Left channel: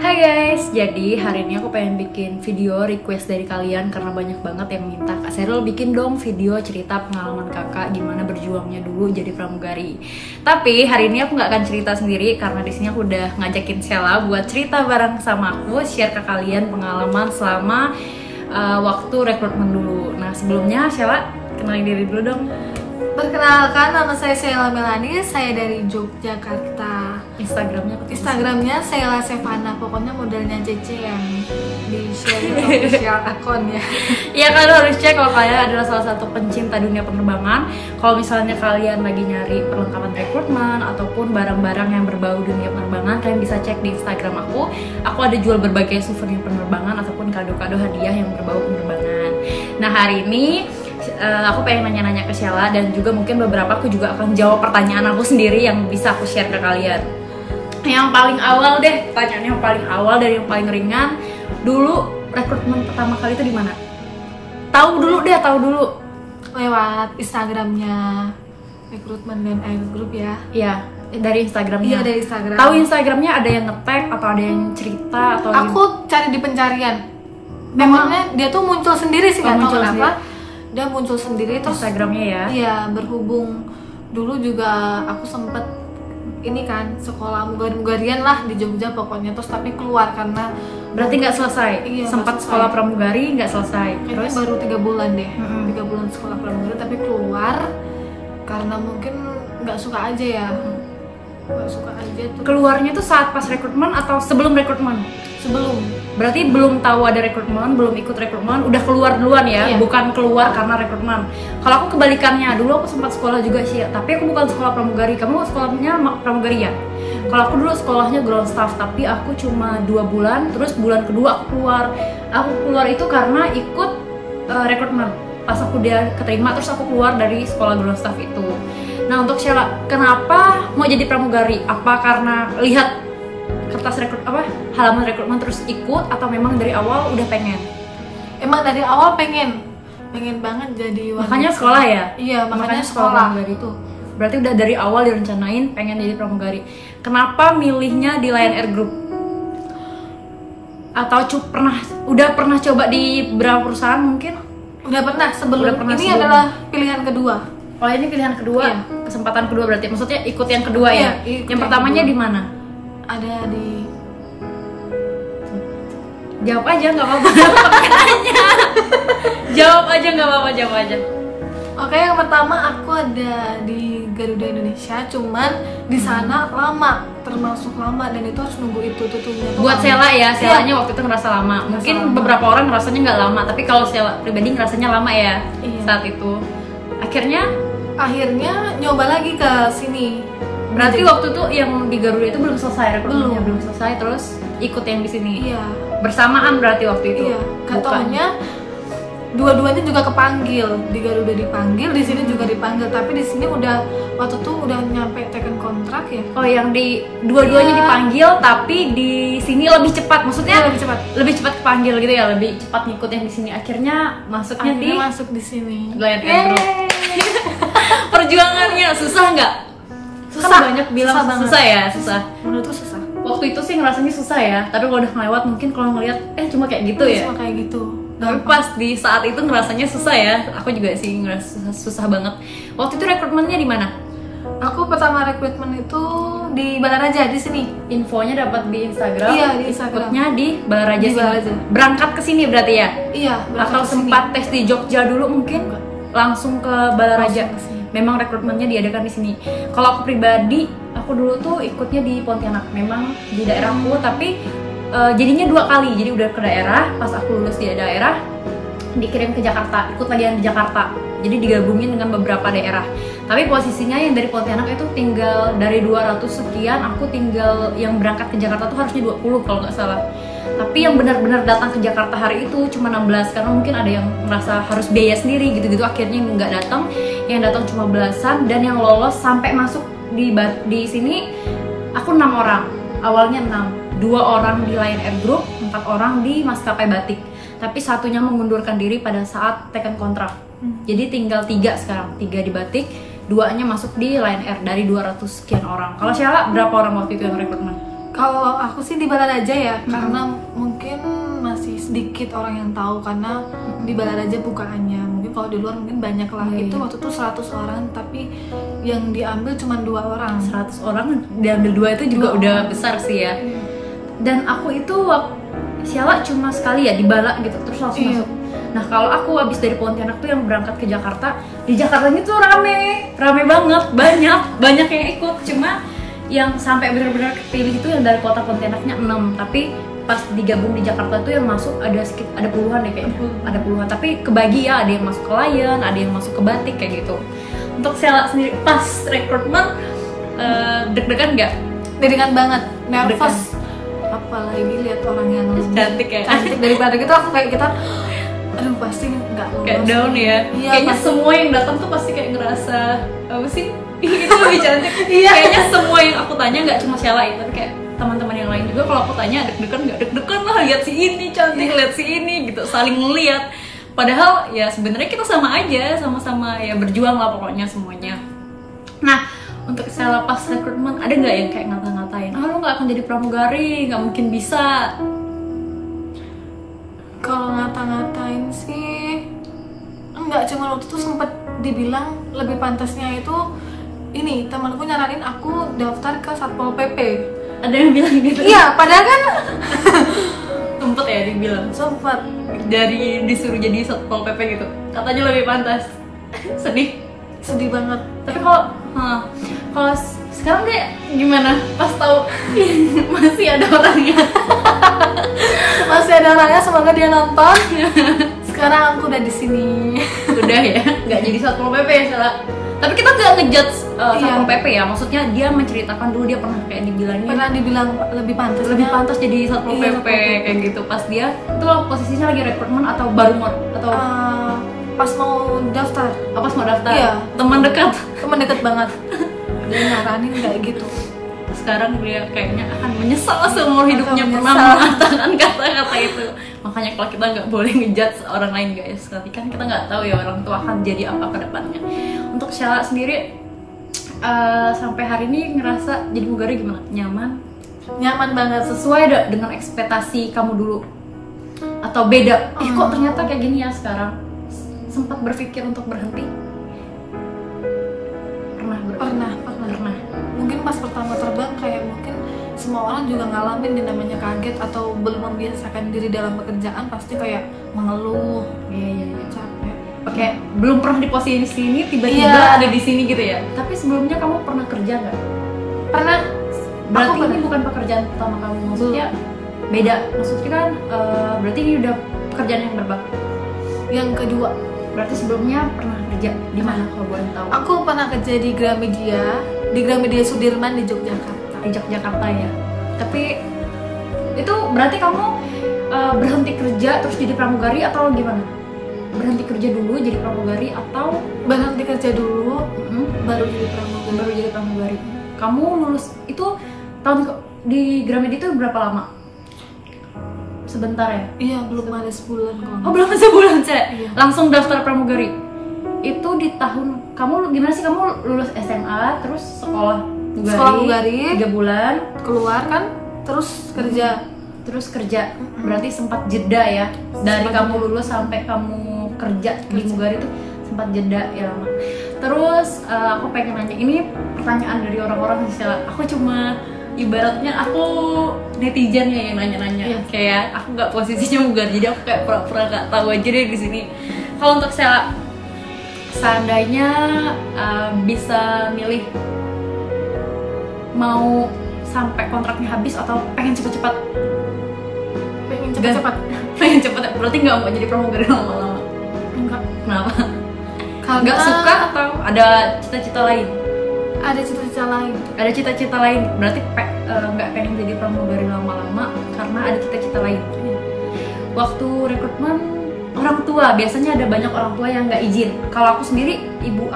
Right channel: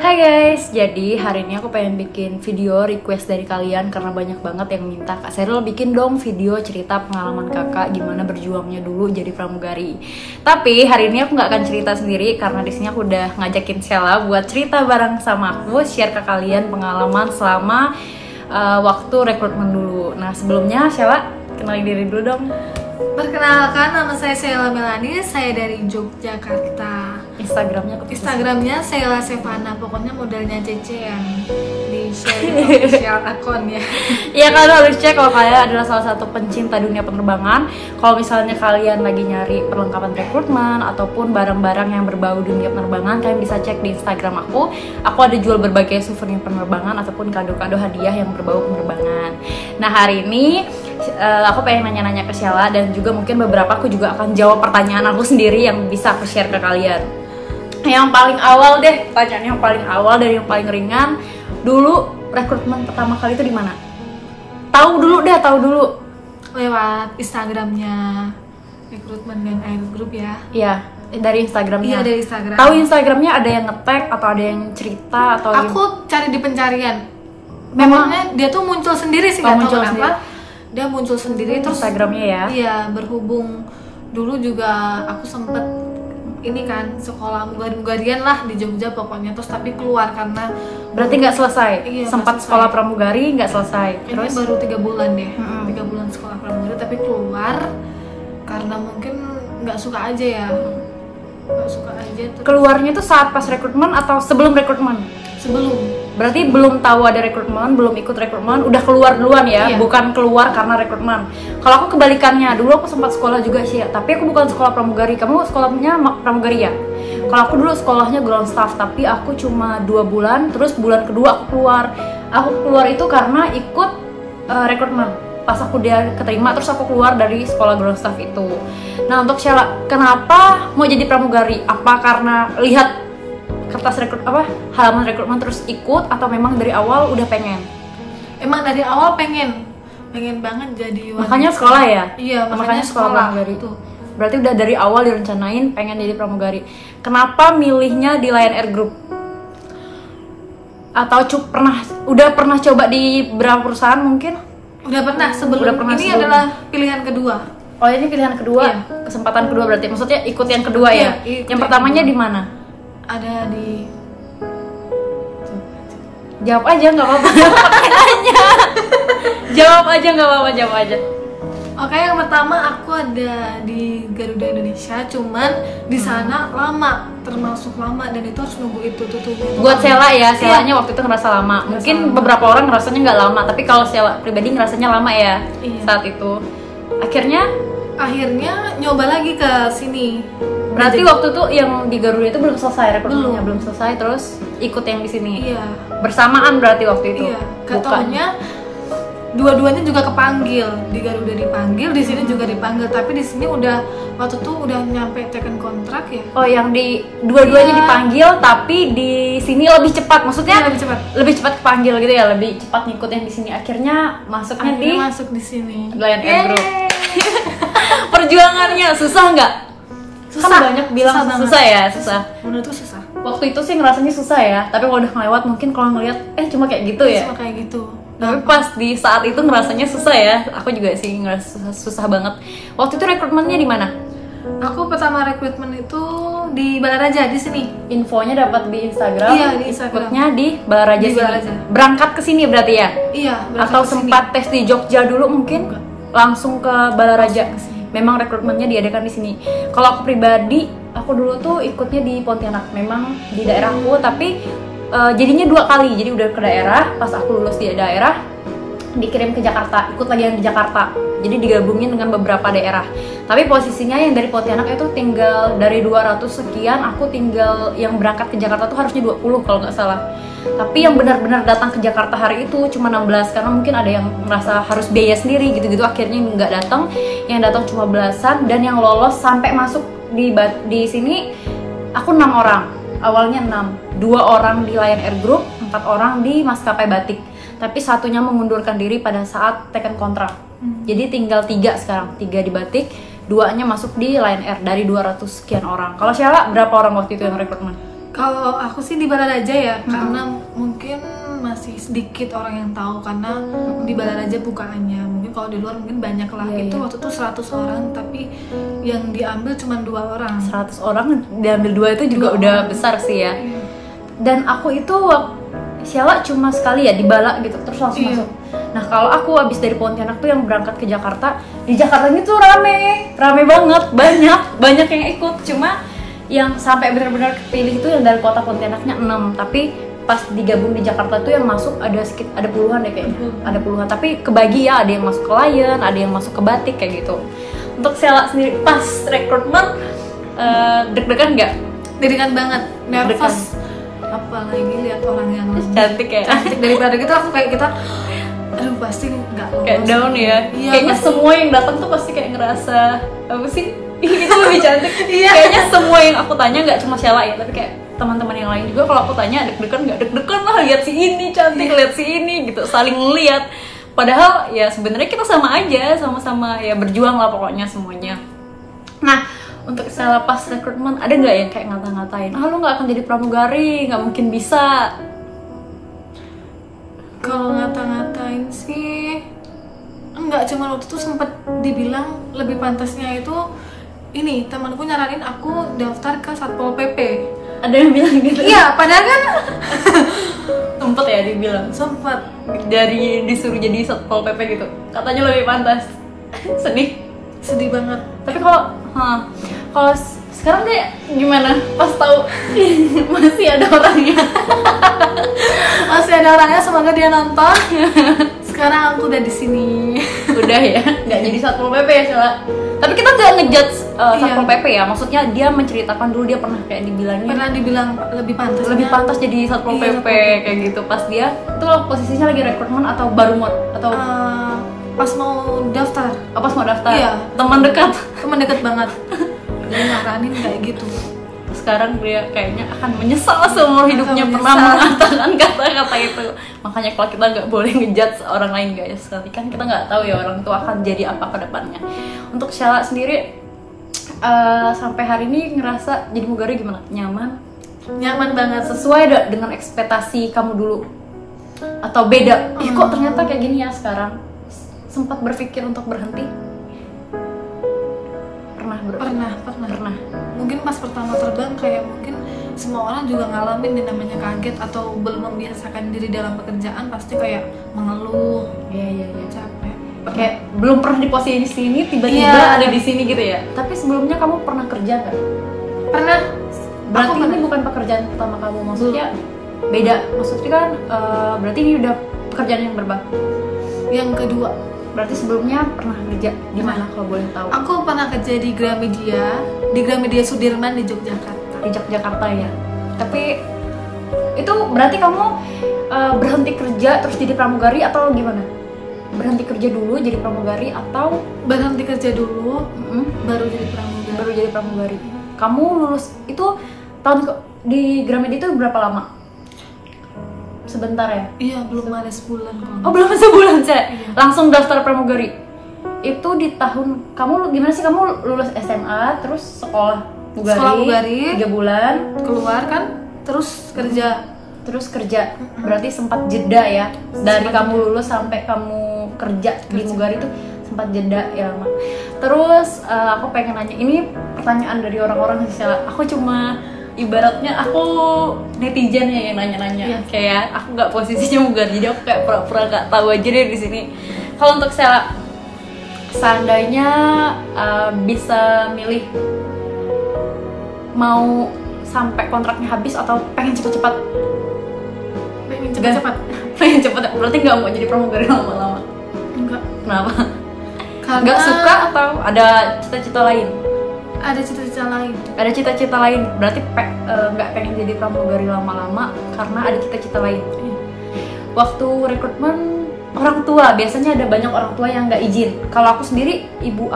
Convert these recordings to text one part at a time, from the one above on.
Hai guys, jadi hari ini aku pengen bikin video request dari kalian karena banyak banget yang minta Kak Sheryl bikin dong video cerita pengalaman kakak gimana berjuangnya dulu jadi pramugari. Tapi hari ini aku nggak akan cerita sendiri karena di sini aku udah ngajakin Sheila buat cerita bareng sama aku, share ke kalian pengalaman selama waktu rekrutmen dulu. Nah sebelumnya Sheila kenalin diri dulu dong. Perkenalkan, nama saya Sheila Melani, saya dari Yogyakarta. Instagramnya Sheila Sevana, pokoknya modelnya CC yang di share official account ya. Iya, kalian harus cek kalau kalian adalah salah satu pencinta dunia penerbangan. Kalau misalnya kalian lagi nyari perlengkapan rekrutmen ataupun barang-barang yang berbau dunia penerbangan, kalian bisa cek di Instagram aku. Aku ada jual berbagai souvenir penerbangan ataupun kado-kado hadiah yang berbau penerbangan. Nah hari ini aku pengen nanya-nanya ke Sheila dan juga mungkin beberapa aku juga akan jawab pertanyaan aku sendiri yang bisa aku share ke kalian. Yang paling awal deh, pertanyaan yang paling awal dari yang paling ringan. Dulu rekrutmen pertama kali itu di mana? Tahu dulu. Lewat Instagramnya Rekrutmen dan Air Group ya. Iya, dari Instagramnya. Iya, dari Instagram. Tahu Instagramnya ada yang nge-tag atau ada yang cerita atau Aku cari di pencarian. Memangnya dia tuh muncul sendiri sih, nggak tahu kenapa. Dia muncul sendiri terus Instagramnya ya. Iya, berhubung dulu juga aku sempet ini kan sekolah mugari-mugarian lah di Jogja pokoknya, terus tapi keluar karena berarti nggak selesai. Iya, sempat sekolah pramugari nggak selesai. Kayaknya Terus baru 3 bulan deh. 3 bulan sekolah pramugari tapi keluar karena mungkin nggak suka aja ya. Nggak suka aja terus. Keluarnya tuh saat pas rekrutmen atau sebelum rekrutmen? Sebelum. Berarti belum tahu ada rekrutmen, belum ikut rekrutmen, udah keluar duluan ya, Iya. bukan keluar karena rekrutmen. Kalau aku kebalikannya, dulu aku sempat sekolah juga sih, tapi aku bukan sekolah pramugari. Kamu sekolahnya pramugari ya? Kalau aku dulu sekolahnya ground staff, tapi aku cuma 2 bulan, terus bulan kedua aku keluar. Aku keluar itu karena ikut rekrutmen. Pas aku dia keterima, terus aku keluar dari sekolah ground staff itu. Nah untuk Sheila, kenapa mau jadi pramugari? Apa karena lihat kertas halaman rekrutmen terus ikut atau memang dari awal udah pengen? Emang dari awal pengen banget jadi wanita. Makanya sekolah ya? Iya, makanya sekolah pramugari itu. Berarti udah dari awal direncanain pengen jadi pramugari. Kenapa milihnya di Lion Air Group? Atau udah pernah coba di berapa perusahaan mungkin? Udah pernah sebelum ini sebelumnya. adalah pilihan kedua. Oh ini pilihan kedua, Iya. Kesempatan kedua berarti. Maksudnya ikut yang kedua Iya, ya? ikut Yang yang pertamanya kedua. di mana? Ada di Jawab aja nggak apa-apa. Jawab aja nggak apa-apa, jawab aja. Oke, yang pertama aku ada di Garuda Indonesia, cuman di sana lama, termasuk lama dan itu harus nunggu itu tutupnya. Buat Sheila ya, Sheilanya waktu itu ngerasa lama. Ngerasa Mungkin lama. beberapa orang ngerasanya nggak lama, tapi kalau Sheila pribadi ngerasanya lama ya. Iya. Saat itu. Akhirnya nyoba lagi ke sini. berarti Jadi- waktu itu yang di Garuda itu belum selesai rekrutmennya, Belum. belum selesai, terus ikut yang di sini. Iya. Bersamaan berarti waktu itu. Iya, Bukan. katanya dua-duanya juga kepanggil. Di Garuda dipanggil, di sini juga dipanggil. Tapi di sini waktu itu udah nyampe taken kontrak ya. Oh, yang di dua-duanya Iya. dipanggil, tapi di sini lebih cepat. Maksudnya Iya, lebih cepat. lebih cepat kepanggil gitu ya, lebih cepat ngikut yang di sini. Akhirnya masuknya Akhirnya di masuk di sini. Lion Air Group. Yeay. Perjuangannya susah nggak? Susah. Kan banyak bilang Susah banget. susah ya, susah. Menurutku susah. Waktu itu sih ngerasanya susah ya, tapi kalau udah ngelewat mungkin kalau ngeliat cuma kayak gitu ya. Cuma kayak gitu. Tapi pas di saat itu ngerasanya susah ya. Aku juga sih ngerasa susah banget. Waktu itu rekrutmennya di mana? Aku pertama rekrutmen itu di Balaraja di sini. Infonya dapat di Instagram. Iya, di Instagram. Ikutnya di Balaraja Di sini. Balaraja. Berangkat ke sini berarti ya? Iya, berangkat Atau ke sini. sempat tes di Jogja dulu mungkin? Enggak. Langsung ke Balaraja. Langsung ke sini. Memang rekrutmennya diadakan di sini. Kalau aku pribadi, aku dulu tuh ikutnya di Pontianak. Memang di daerahku, tapi jadinya 2 kali. Jadi udah ke daerah, pas aku lulus di daerah, dikirim ke Jakarta, ikut lagi yang di Jakarta. Jadi digabungin dengan beberapa daerah. Tapi posisinya yang dari Pontianak itu tinggal dari 200 sekian, aku tinggal yang berangkat ke Jakarta tuh harusnya 20 kalau nggak salah. Tapi yang benar-benar datang ke Jakarta hari itu cuma 16 karena mungkin ada yang merasa harus biaya sendiri gitu-gitu, akhirnya nggak datang. Yang datang cuma belasan, dan yang lolos sampai masuk di sini aku 6 orang. Awalnya 6, 2 orang di Lion Air Group, 4 orang di maskapai Batik. Tapi satunya mengundurkan diri pada saat taken kontrak. Jadi tinggal 3 sekarang, 3 di Batik, 2-nya masuk di Lion Air dari 200 sekian orang. Kalau Sheila berapa orang waktu itu yang rekrutmen? Kalau aku sih di Balaraja ya, karena mungkin masih sedikit orang yang tahu karena di Balaraja bukaannya. Mungkin kalau di luar mungkin banyak lah. Iya, Itu iya. waktu itu 100 orang, tapi yang diambil cuma 2 orang. 100 orang diambil 2 itu juga 2 udah orang. besar sih ya. Iya. Dan aku itu Siala cuma sekali ya di Bala gitu, terus langsung Iya. masuk. Nah kalau aku habis dari Pontianak tuh yang berangkat ke Jakarta, di Jakarta ini tuh rame banget, banyak yang ikut. Cuma yang sampai benar-benar kepilih itu yang dari kota Pontianaknya 6, tapi pas digabung di Jakarta tuh yang masuk ada puluhan deh kayaknya. Ada puluhan, tapi kebagi ya, ada yang masuk ke Layan, ada yang masuk ke Batik kayak gitu. Untuk Siala sendiri pas rekrutmen deg-degan nggak? Deg-degan banget, nervous. Apalagi lihat orang yang lebih Cantik ya? cantik daripada kita, aku kayak kita, aduh pasti nggak lolos. Kayak down ya? Iya, Kayaknya pasti. semua yang datang tuh pasti kayak ngerasa apa sih? Itu lebih cantik. Iya. Kayaknya semua yang aku tanya nggak cuma Sheila ya, tapi kayak teman-teman yang lain juga kalau aku tanya deg-degan nggak? Deg-degan lah, lihat si ini cantik, lihat si ini gitu, saling ngeliat. Padahal ya sebenarnya kita sama aja, sama-sama ya berjuang lah pokoknya semuanya. Nah, untuk Sheila pas rekrutmen ada nggak yang kayak ngata-ngatain? Ah, lu nggak akan jadi pramugari, nggak mungkin bisa. Kalau ngata-ngatain sih enggak, cuma waktu itu sempat dibilang lebih pantasnya itu ini, temanku nyaranin aku daftar ke Satpol PP. Ada yang bilang gitu? Iya, padahal kan Sempet ya dibilang. sempat Dari disuruh jadi Satpol PP gitu, katanya lebih pantas. Sedih banget. tapi kalau sekarang kayak gimana pas tahu masih ada orangnya? Masih ada orangnya, semoga dia nonton. Sekarang aku udah di sini. Udah ya, nggak jadi Satpol PP ya Sheila. Tapi kita nggak ngejudge Satpol Iya. PP ya, maksudnya dia menceritakan dulu dia pernah kayak dibilangin Pernah dibilang lebih pantas. lebih pantas jadi Satpol Iya, PP Satpol PP. kayak gitu. Pas dia itu posisinya lagi rekrutmen atau baru mau atau Pas mau daftar, pas mau daftar? Iya. Teman dekat. teman deket banget. Dia nyaranin kayak gitu. Sekarang dia kayaknya akan menyesal seumur Akan hidupnya pernah menyesal. mengatakan kata-kata itu. Makanya kalau kita nggak boleh ngejudge orang lain guys, tapi kan kita nggak tahu ya orang itu akan jadi apa ke depannya. Untuk Sheila sendiri sampai hari ini ngerasa jadi pramugari gimana? Nyaman banget. Sesuai dengan ekspektasi kamu dulu? Atau beda? Ih, kok ternyata kayak gini ya sekarang? Sempat berpikir untuk berhenti? Pernah. Pernah. Mungkin pas pertama terbang kayak mungkin semua orang juga ngalamin yang namanya kaget atau belum membiasakan diri dalam pekerjaan, pasti kayak mengeluh, Iya. capek. Kayak belum pernah di posisi ini tiba-tiba Iya. ada di sini gitu ya. Tapi sebelumnya kamu pernah kerja nggak? Pernah. Berarti Aku pernah. ini bukan pekerjaan pertama kamu, maksudnya beda. Maksudnya kan berarti ini udah pekerjaan yang berbeda. Yang kedua, Berarti sebelumnya pernah kerja di mana kalau boleh tahu? aku pernah kerja di Gramedia Sudirman di Yogyakarta. Di Jakarta ya. Tapi itu berarti kamu berhenti kerja terus jadi pramugari atau gimana? Berhenti kerja dulu jadi pramugari atau Berhenti kerja dulu, baru jadi pramugari. baru jadi pramugari? Kamu lulus itu di Gramedia itu berapa lama? Sebentar ya? Iya, belum ada sebulan kok. Oh belum sebulan saya Iya. langsung daftar pramugari. Itu di tahun kamu gimana sih, kamu lulus SMA terus sekolah mugari 3 bulan Keluar kan, terus kerja. terus kerja. Berarti sempat jeda ya dari Sempat kamu jeda. lulus sampai kamu kerja di mugari itu sempat jeda ya lama. Terus aku pengen nanya, ini pertanyaan dari orang-orang sih Sheila. Aku cuma ibaratnya aku netizennya yang nanya-nanya. Iya. Kayak aku nggak posisinya mugari, jadi aku kayak pura-pura nggak tahu aja deh di sini. Kalau untuk Sheila, seandainya bisa milih mau sampai kontraknya habis atau pengen cepet-cepet? Pengen cepet-cepet. Pengen cepet, berarti nggak mau jadi pramugari lama-lama? Enggak. Kenapa? Karena Nggak suka atau ada cita-cita lain? ada cita-cita lain. Ada cita-cita lain, berarti nggak pengen jadi pramugari lama-lama karena ada cita-cita lain. Iya. Waktu rekrutmen orang tua, biasanya ada banyak orang tua yang nggak izin. Kalau aku sendiri, ibu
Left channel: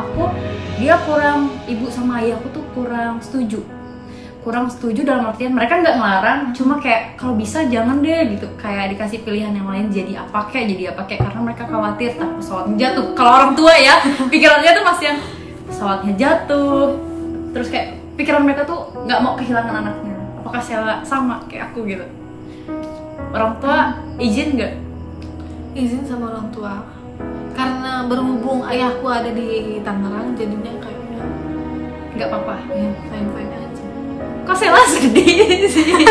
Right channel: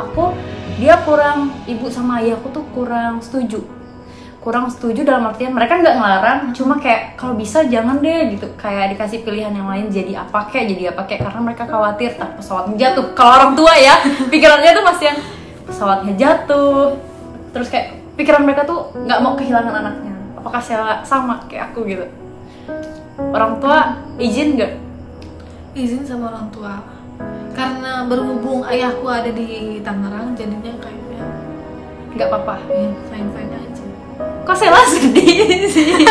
sama ayahku tuh kurang setuju dalam artian mereka nggak ngelarang, cuma kayak kalau bisa jangan deh gitu, kayak dikasih pilihan yang lain, jadi apa kayak karena mereka khawatir pesawatnya jatuh. Kalau orang tua ya pikirannya tuh masih yang pesawatnya jatuh, terus kayak pikiran mereka tuh nggak mau kehilangan anaknya. apakah Sheila sama kayak aku gitu? Orang tua izin nggak? Izin sama orang tua. Karena berhubung ayahku ada di Tangerang, jadinya kayaknya Nggak apa-apa. ya fine aja. Kok Sheila sedih sih?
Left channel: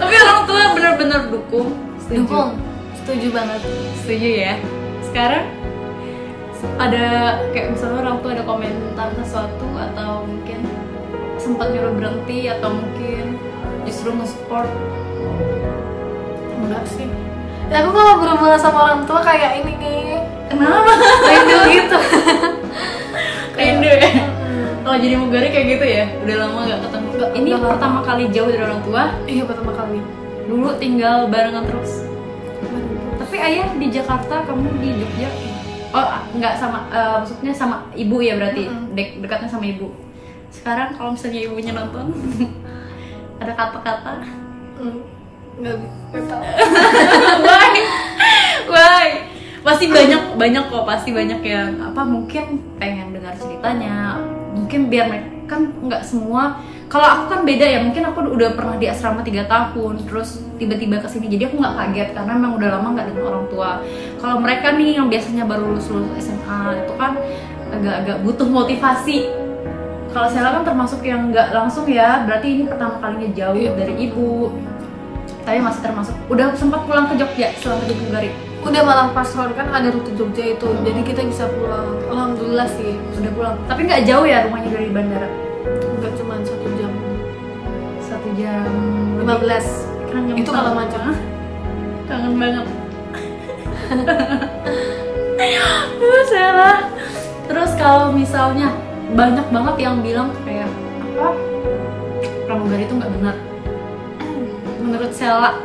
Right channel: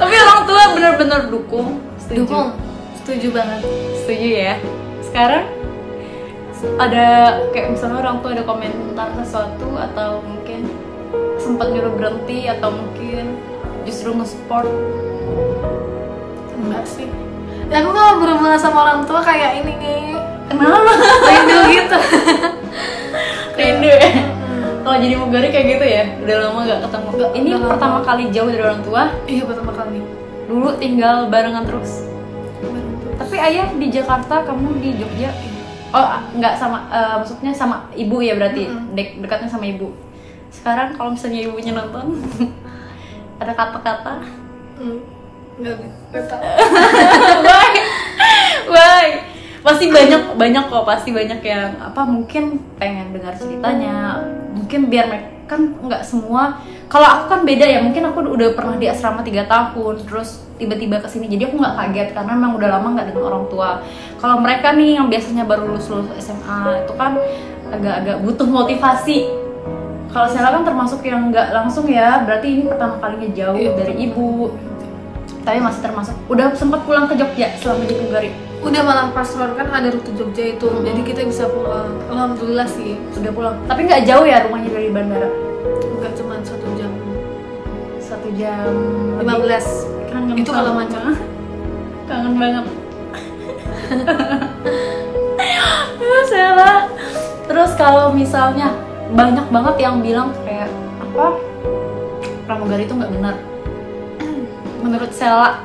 Tapi orang tua benar-benar dukung. Dukung, setuju banget. Setuju ya. Sekarang ada kayak misalnya orang tua ada komentar sesuatu atau mungkin sempat nyuruh berhenti atau mungkin justru nge-support? Enggak sih. Ya aku kalau berhubungan sama orang tua kayak ini nih, Kenapa? rindu gitu. Rindu ya? Kalau jadi mugari kayak gitu ya? Udah lama gak ketemu? Ini udah lama. pertama kali jauh dari orang tua? Iya, pertama kali. Dulu tinggal barengan terus? Tapi ayah di Jakarta, kamu di Jogja? Oh nggak sama, maksudnya sama ibu ya berarti? Dekatnya sama ibu. Sekarang kalau misalnya ibunya nonton ada kata-kata Nggak tahu. Why? Pasti banyak kok, pasti banyak yang apa mungkin pengen dengar ceritanya, mungkin biar mereka kan nggak semua. Kalau aku kan beda ya, mungkin aku udah pernah di asrama 3 tahun, terus tiba-tiba kesini, jadi aku nggak kaget karena memang udah lama nggak dengan orang tua. Kalau mereka nih yang biasanya baru lulus SMA itu kan agak-agak butuh motivasi. Kalau saya kan termasuk yang nggak langsung ya, berarti ini pertama kalinya jauh dari ibu. Tapi masih termasuk, udah sempat pulang ke Jogja selama di Bugari. Udah malah pas road kan ada rute Jogja itu, jadi kita bisa pulang. Alhamdulillah sih. Sudah pulang. Tapi nggak jauh ya rumahnya dari bandara? Enggak cuma 1 jam. 1 jam 15. Kangen Itu kalau macam. Kangen banget. Sheila. Terus kalau misalnya banyak banget yang bilang kayak apa? Pramugari itu nggak benar. Menurut Sheila?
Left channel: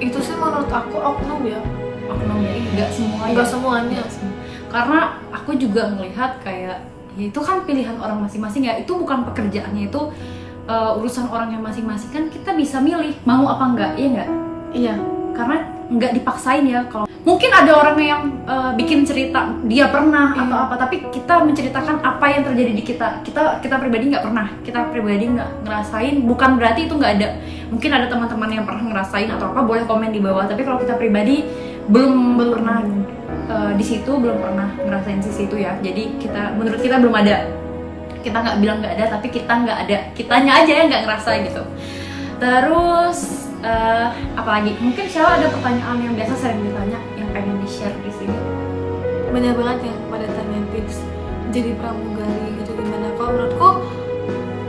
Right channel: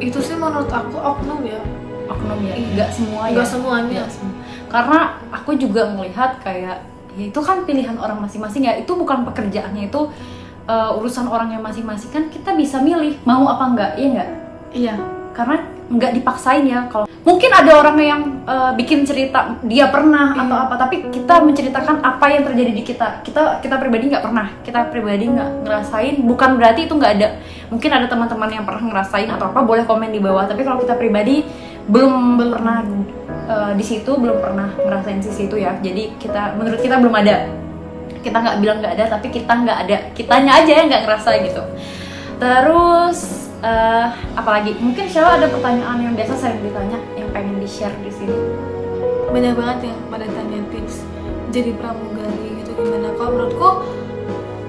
Itu sih menurut aku oknum ya. Oknum ya? Nggak semuanya. Nggak semuanya. Nggak semua. Karena aku juga melihat kayak ya itu kan pilihan orang masing-masing ya. Itu bukan pekerjaannya, itu urusan orangnya masing-masing. Kan kita bisa milih mau apa enggak, iya nggak? Iya. Karena nggak dipaksain ya. Kalau mungkin ada orang yang bikin cerita dia pernah atau apa, tapi kita menceritakan apa yang terjadi di kita pribadi nggak pernah, kita pribadi nggak ngerasain, bukan berarti itu nggak ada. Mungkin ada teman-teman yang pernah ngerasain atau apa, boleh komen di bawah. Tapi kalau kita pribadi belum pernah di situ, belum pernah ngerasain sisi itu ya. Jadi menurut kita belum ada. Kita nggak bilang nggak ada, tapi kita nggak ada, kitanya aja yang nggak ngerasa gitu. Terus apalagi mungkin Sheila ada pertanyaan yang biasa sering ditanya yang pengen di share di sini? Banyak banget yang pada tanya tips jadi pramugari gitu gimana. Kalau menurutku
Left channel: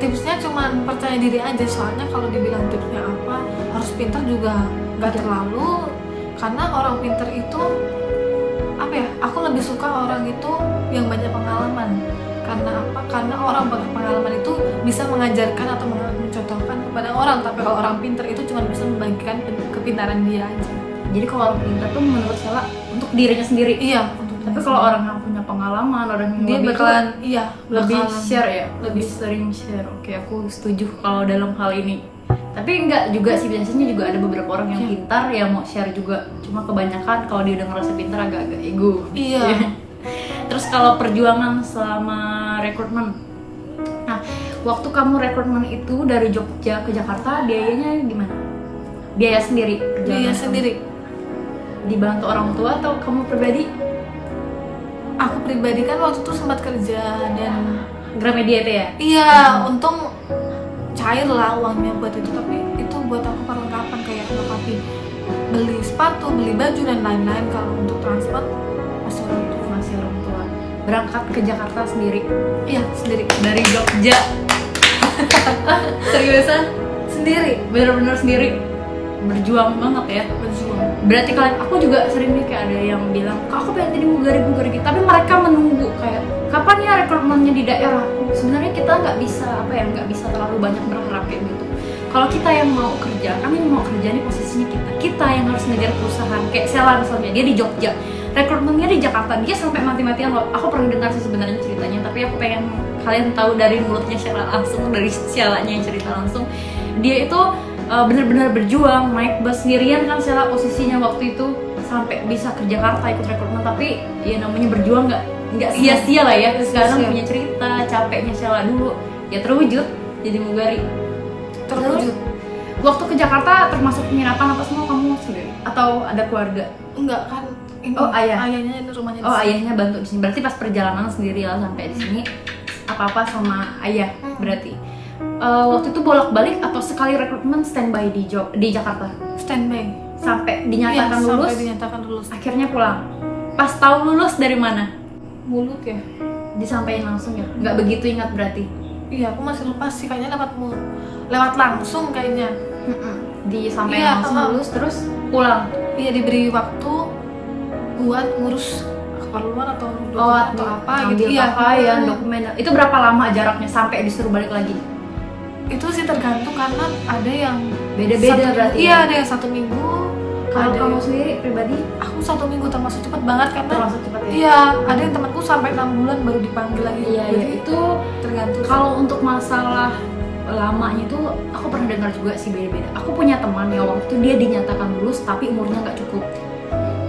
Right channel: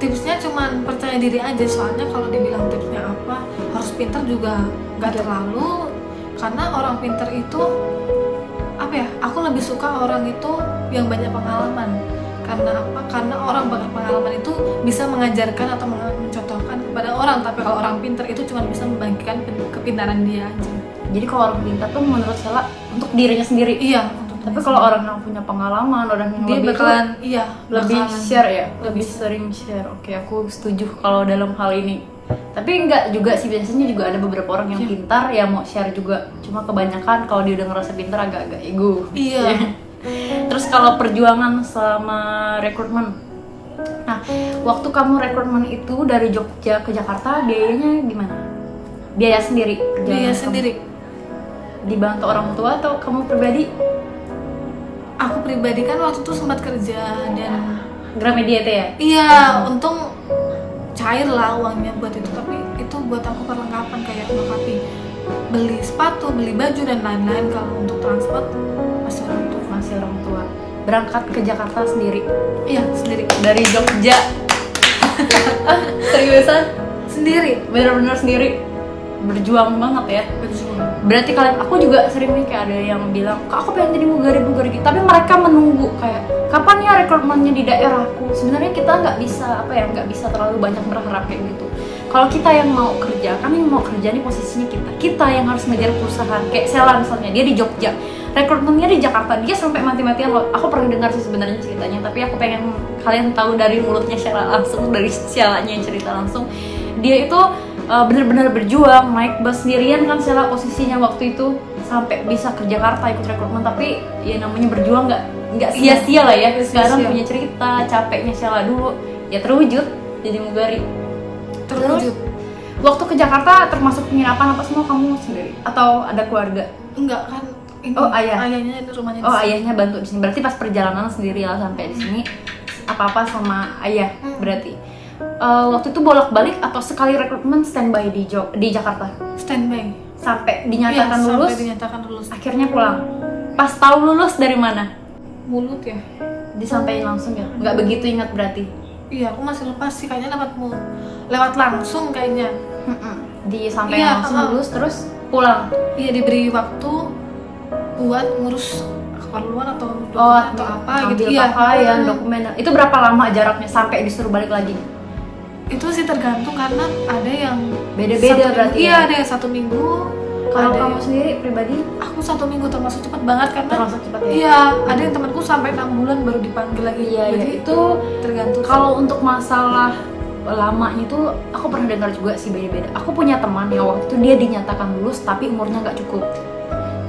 tipsnya cuman percaya diri aja, soalnya kalau dibilang tipsnya apa harus pintar juga nggak terlalu, karena orang pintar itu apa ya, aku lebih suka orang itu yang banyak pengalaman. Karena apa? Karena orang banyak pengalaman itu bisa mengajarkan atau mencontohkan kepada orang. Tapi kalau orang pintar itu cuma bisa membagikan kepintaran dia aja. Jadi kalau orang pintar tuh menurut Sheila untuk dirinya sendiri. Iya. Tapi kalau orang yang punya pengalaman, orang yang dia bakalan lebih share ya, lebih sering share. Oke, aku setuju kalau dalam hal ini. Tapi enggak juga sih, biasanya juga ada beberapa orang yang pintar yang mau share juga. Cuma kebanyakan kalau dia udah ngerasa pintar agak-agak ego. Iya. Terus kalau perjuangan selama rekrutmen, nah waktu kamu rekrutmen itu dari Jogja ke Jakarta biayanya gimana? Biaya sendiri? Biaya sendiri. Dibantu orang tua atau kamu pribadi? Aku pribadi kan waktu itu sempat kerja dan Gramedia itu ya? Iya, untung cair lah uangnya buat itu, tapi itu buat aku perlengkapan kayak melengkapi beli sepatu, beli baju dan lain-lain. Kalau untuk transport masih orang tua. Berangkat ke Jakarta sendiri? Iya, sendiri. Dari Jogja? Seriusan? Sendiri, bener-bener sendiri? Berjuang banget ya? berjuang. Berarti kalian, aku juga sering nih kayak ada yang bilang, Kak aku pengen jadi mugari gitu, tapi mereka menunggu kayak kapan ya rekrutmennya di daerahku. Sebenarnya kita nggak bisa terlalu banyak berharap kayak gitu. Kalau kita yang mau kerja, kan yang mau kerja nih posisinya kita yang harus ngejar perusahaan. Kayak Sheila misalnya, dia di Jogja, rekrutmennya di Jakarta, dia sampai mati-matian loh. Aku pernah dengar sih sebenarnya ceritanya, tapi aku pengen kalian tahu dari mulutnya Sheila langsung, dari Sheilanya yang cerita langsung. Dia itu benar-benar berjuang, naik bus sendirian kan Sheila posisinya waktu itu sampai bisa ke Jakarta ikut rekrutmen. Tapi ya namanya berjuang nggak sia-sia lah ya. Sekarang punya cerita capeknya Sheila dulu, ya terwujud jadi mugari. Terwujud. Waktu ke Jakarta termasuk penginapan apa semua kamu sendiri atau ada keluarga? Enggak kan, ini ayahnya ini rumahnya di sini. Ayahnya bantu di sini. Berarti pas perjalanan sendiri ya sampai di sini apa-apa sama ayah berarti. Waktu itu bolak-balik atau sekali rekrutmen standby di Jakarta? Standby. Sampai dinyatakan lulus. Sampai dinyatakan lulus. Akhirnya pulang. Pas tahu lulus dari mana? Mulut ya. Disampaikan langsung ya? Nggak begitu ingat berarti? Iya, aku masih lupa sih, kayaknya lewat langsung kayaknya. Disampaikan langsung lulus terus pulang. Iya, diberi waktu buat ngurus keperluan atau dokumen atau apa gitu. Iya, dokumen. Itu berapa lama jaraknya sampai disuruh balik lagi? Itu sih tergantung karena ada yang beda-beda berarti. Iya, ada yang 1 minggu. Kalau kamu sendiri pribadi? Aku 1 minggu termasuk cepat banget karena termasuk cepat ya? Iya, ada yang temanku sampai 6 bulan baru dipanggil lagi. Iya, jadi itu tergantung. Kalau untuk masalah lamanya itu aku pernah dengar juga sih beda-beda. Aku punya teman yang waktu itu dia dinyatakan lulus tapi umurnya nggak cukup.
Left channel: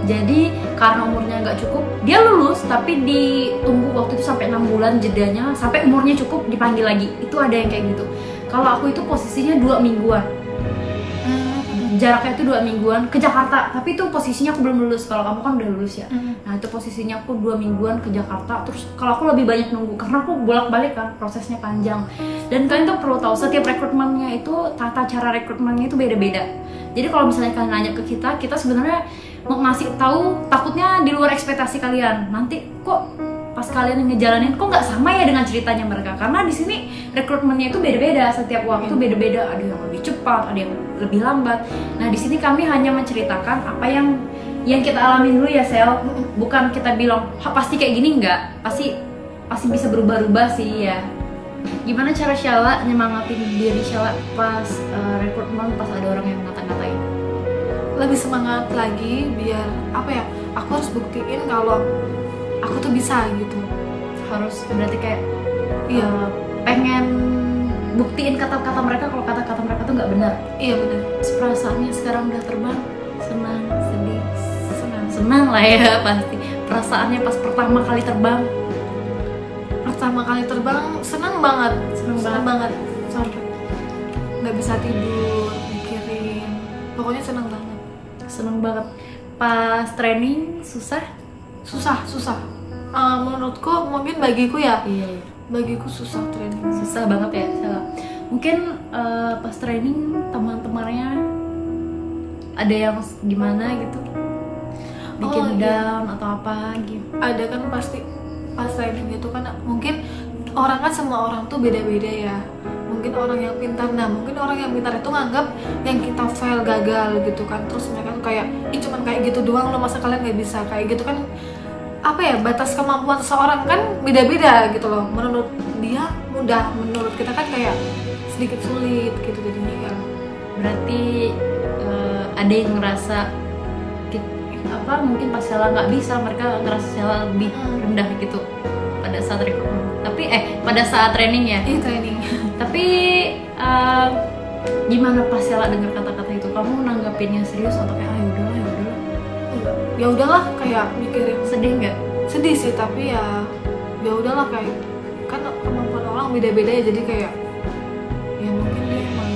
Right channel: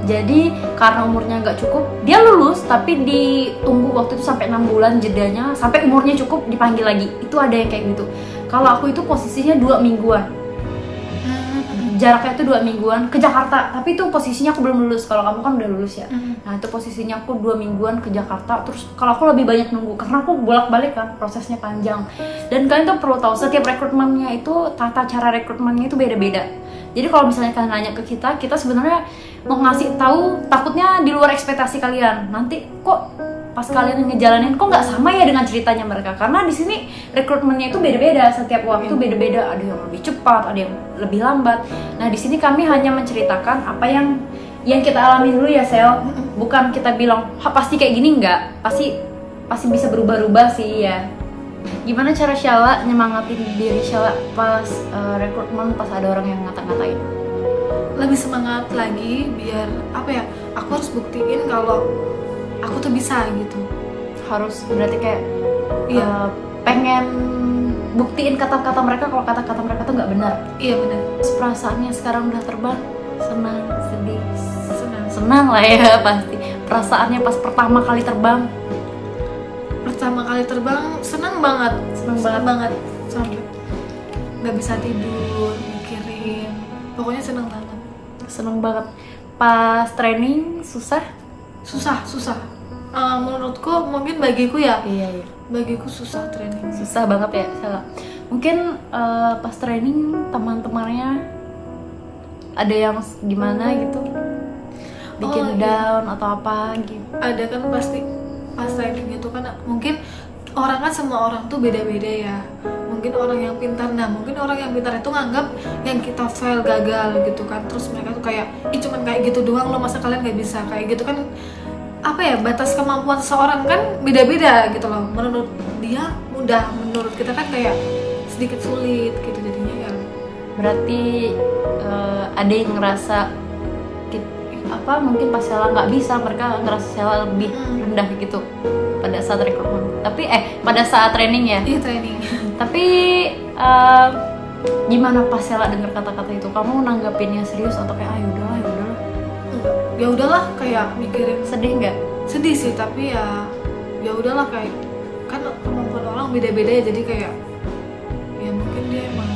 Jadi karena umurnya nggak cukup, dia lulus tapi ditunggu waktu itu sampai 6 bulan jedanya sampai umurnya cukup dipanggil lagi. Itu ada yang kayak gitu. Kalau aku itu posisinya 2 mingguan. Jaraknya itu 2 mingguan ke Jakarta, tapi itu posisinya aku belum lulus. Kalau kamu kan udah lulus ya. Nah itu posisinya aku 2 mingguan ke Jakarta. Terus kalau aku lebih banyak nunggu karena aku bolak-balik kan, prosesnya panjang. Dan kalian tuh perlu tahu setiap rekrutmennya itu tata cara rekrutmennya itu beda-beda. Jadi kalau misalnya kalian nanya ke kita sebenarnya mau ngasih tahu takutnya di luar ekspektasi kalian. Nanti kok pas kalian ngejalanin kok nggak sama ya dengan ceritanya mereka, karena di sini rekrutmennya itu beda-beda, setiap waktu beda-beda, ada yang lebih cepat, ada yang lebih lambat. Nah di sini kami hanya menceritakan apa yang kita alami dulu ya Sel, bukan kita bilang pasti kayak gini, nggak, pasti bisa berubah-ubah sih ya. Gimana cara Syala nyemangatin diri Syala pas rekrutmen, pas ada orang yang ngata-ngatain? Lebih semangat lagi biar apa ya, aku harus buktiin kalau aku tuh bisa gitu. Harus berarti kayak pengen buktiin kata-kata mereka kalau kata-kata mereka tuh nggak benar. Iya benar. Perasaannya sekarang udah terbang, senang, sedih, senang lah ya pasti. Perasaannya pas pertama kali terbang. Pertama kali terbang senang banget, senang banget sampai nggak bisa tidur mikirin. Pokoknya senang banget. Senang banget. Pas training susah. Menurutku mungkin bagiku ya. Iya. Bagiku susah training. Susah banget ya Salah. Mungkin pas training teman-temannya ada yang gimana gitu, bikin down atau apa gitu. Ada kan pasti pas training itu kan mungkin orang kan semua orang tuh beda-beda ya. Mungkin orang yang pintar, mungkin orang yang pintar itu nganggap yang kita fail gagal gitu kan. Terus mereka tuh kayak, cuman kayak gitu doang loh, masa kalian nggak bisa kayak gitu kan. Apa ya, batas kemampuan seseorang kan beda-beda gitu loh. Menurut dia mudah, menurut kita kan kayak sedikit sulit gitu jadinya ya. Berarti ada yang ngerasa mungkin pas Syala nggak bisa, mereka ngerasa Syala lebih rendah gitu pada saat rekrutmen. Tapi pada saat training ya? Iya training. Tapi gimana pas Syala dengar kata-kata itu? Kamu nanggapinnya serius atau kayak yaudahlah? Ya udahlah, kayak mikirin. Sedih nggak? Sedih sih, tapi ya udahlah, kayak kan kemampuan orang beda-beda ya, jadi kayak ya mungkin dia emang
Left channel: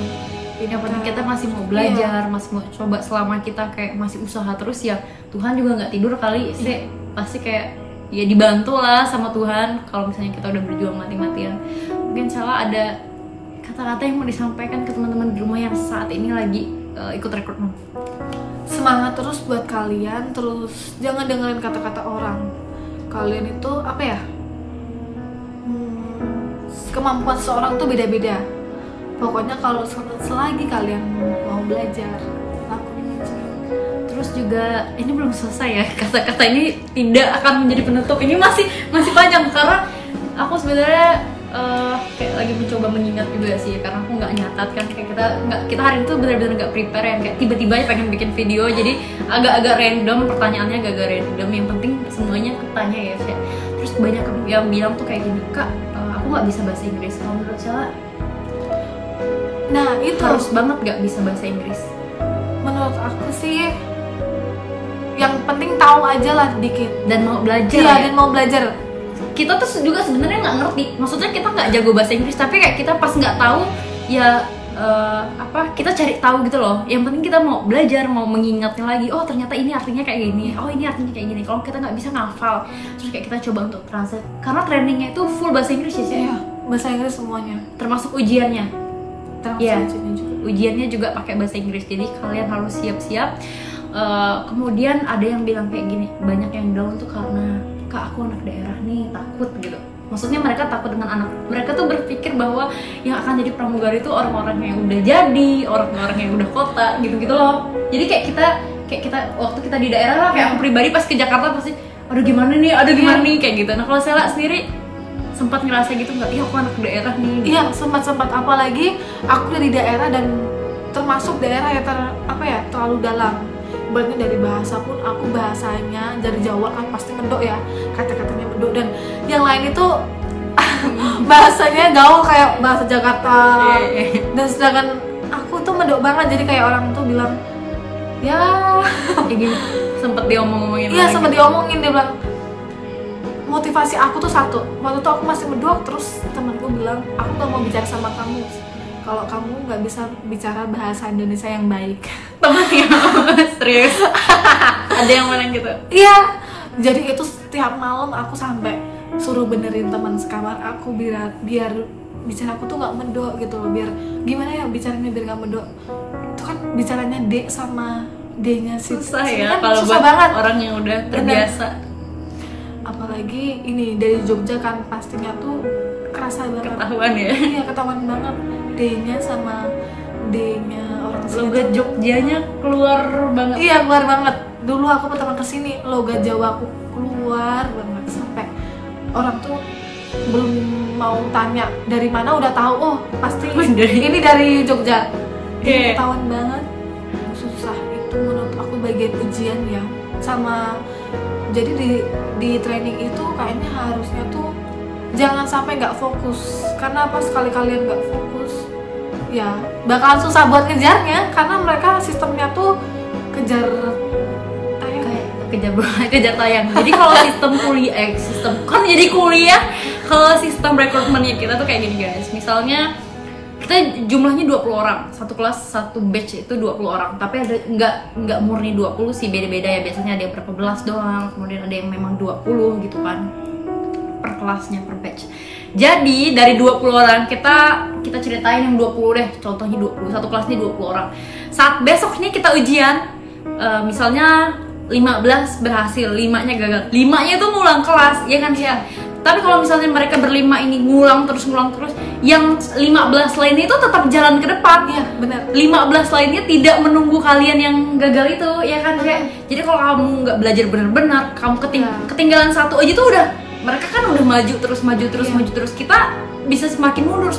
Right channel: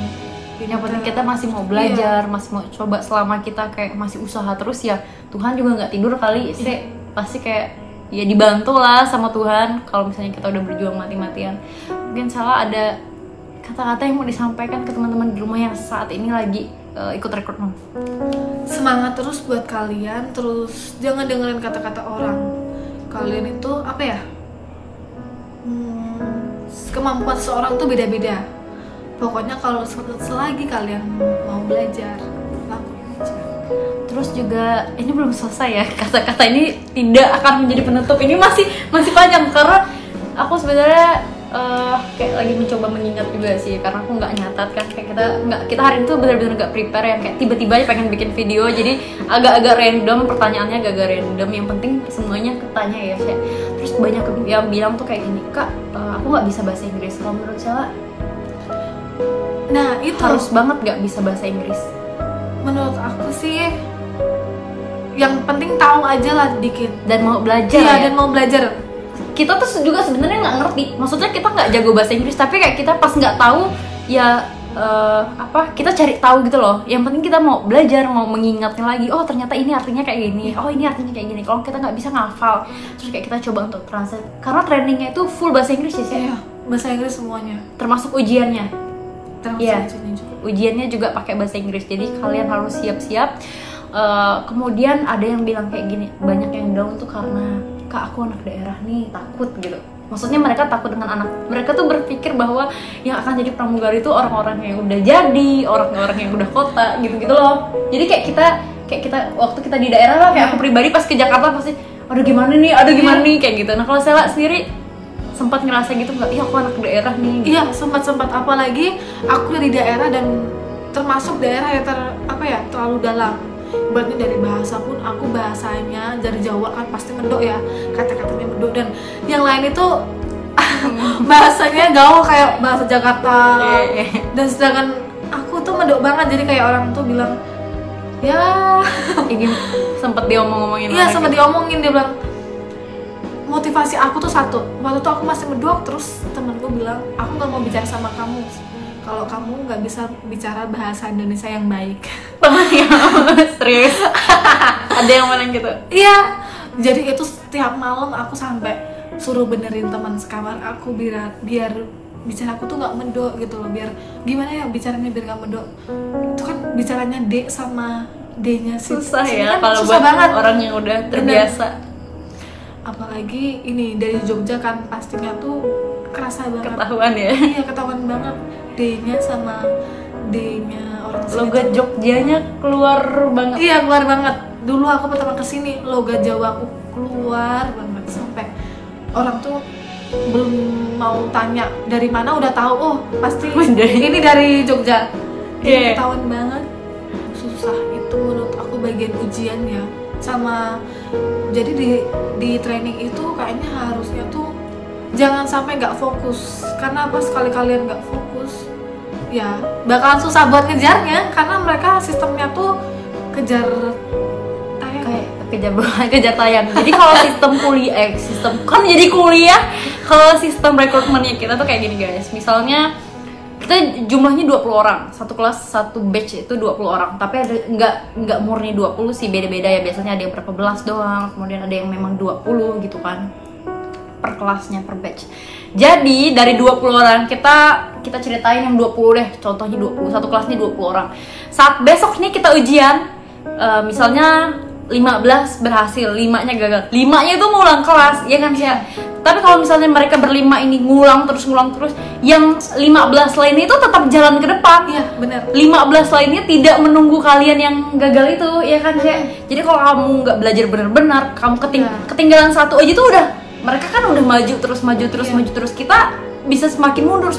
yang penting kita masih mau belajar, masih mau coba. Selama kita kayak masih usaha terus ya, Tuhan juga nggak tidur kali sih. Pasti kayak ya dibantu lah sama Tuhan kalau misalnya kita udah berjuang mati-matian. Mungkin Syala ada kata-kata yang mau disampaikan ke teman-teman di rumah yang saat ini lagi ikut rekrutmen? Semangat terus buat kalian, terus jangan dengerin kata-kata orang. Kalian itu apa ya, kemampuan seorang tuh beda-beda. Pokoknya kalau selagi kalian mau belajar, lakuin aja. Terus juga ini belum selesai ya, kata-kata ini tidak akan menjadi penutup. Ini masih panjang karena aku sebenarnya kayak lagi mencoba mengingat juga sih, karena aku nggak nyatat kan, kayak kita hari itu benar-benar nggak prepare yang kayak tiba-tiba pengen bikin video, jadi agak-agak random, pertanyaannya agak random, yang penting semuanya ketanya ya Syah. Terus banyak yang bilang tuh kayak gini, Kak, aku nggak bisa bahasa Inggris. Kalau menurut Syah, nah itu harus banget nggak bisa bahasa Inggris? Menurut aku sih yang penting tahu aja lah dikit dan mau belajar. Iya, dan mau belajar. kita tuh juga sebenarnya nggak ngerti, maksudnya kita nggak jago bahasa Inggris tapi kayak kita pas nggak tahu ya kita cari tahu gitu loh. Yang penting kita mau belajar, mau mengingatnya lagi, oh ternyata ini artinya kayak gini, oh ini artinya kayak gini. Kalau kita nggak bisa ngafal, terus kayak kita coba untuk translate, karena trainingnya itu full bahasa Inggris sih. Iya, bahasa Inggris semuanya, termasuk ujiannya. Ujiannya juga. Ujiannya juga pakai bahasa Inggris, jadi kalian harus siap-siap. Kemudian ada yang bilang kayak gini, banyak yang down tuh karena kak aku anak daerah nih takut gitu. Maksudnya mereka takut dengan anak, mereka tuh berpikir bahwa yang akan jadi pramugari itu orang-orang yang udah jadi, orang-orang yang udah kota gitu-gitu loh. Jadi kayak kita waktu kita di daerah lah, kayak aku pribadi pas ke Jakarta pasti aduh gimana nih kayak gitu. Nah kalau Sela sendiri sempat ngerasa gitu nggak? Iya aku anak daerah nih. Gitu. Iya sempat apalagi aku dari daerah dan termasuk daerah yang terlalu dalam. Berarti dari bahasa pun aku bahasanya dari Jawa kan pasti medok ya, kata-katanya medok, dan yang lain itu bahasanya gaul kayak bahasa Jakarta. Dan sedangkan aku tuh medok banget, jadi kayak orang tuh bilang ya ini sempat diomongin. Iya sempat diomongin, dia bilang motivasi aku tuh satu, waktu itu aku masih medok, terus temanku bilang aku nggak mau bicara sama kamu kalau kamu nggak bisa bicara bahasa Indonesia yang baik. Temannya serius? Ada yang bilang gitu? Iya, jadi itu setiap malam aku sampai suruh benerin teman sekamar aku biar bicara aku tuh nggak medok gitu loh, biar gimana ya bicaranya biar nggak medok. Itu kan bicaranya D sama D-nya susah ya, kan kalau susah banget orang yang udah terbiasa. Apalagi ini dari Jogja kan pastinya tuh kerasa banget. Ketahuan ya? Iya ketahuan banget D-nya sama D-nya orang sini. Logat Jogjanya keluar banget. Iya keluar banget. Dulu aku pertama kesini logat Jawa aku keluar banget sampai orang tuh belum mau tanya dari mana udah tahu, oh pasti ini dari Jogja. Jadi ketahuan banget. Susah itu menurut aku bagian ujian ya. Sama jadi di training itu kayaknya harusnya tuh jangan sampai nggak fokus, karena pas sekali kalian nggak fokus ya bakalan susah buat ngejarnya, karena mereka sistemnya tuh kejar tayang. Kejar tayang. Jadi kalau sistem kuliah kalau sistem rekrutmennya kita tuh kayak gini guys, misalnya kita jumlahnya 20 orang, satu kelas satu batch itu 20 orang, tapi ada nggak murni 20 sih, beda-beda ya, biasanya ada yang berapa belas doang, kemudian ada yang memang 20 gitu kan per kelasnya, per batch. Jadi dari 20 orang kita ceritain yang 20 deh, contohnya 20, satu kelasnya 20 orang. Saat besok nih kita ujian, misalnya 15 berhasil, 5-nya gagal, 5-nya itu ngulang kelas, ya kan sih? Tapi kalau misalnya mereka berlima ini ngulang terus, yang 15 lainnya itu tetap jalan ke depan. Iya, benar. 15 lainnya tidak menunggu kalian yang gagal itu, ya kan sih? Jadi kalau kamu nggak belajar benar-benar, kamu ketinggalan satu aja tuh udah, mereka kan udah maju terus, kita bisa semakin mundur.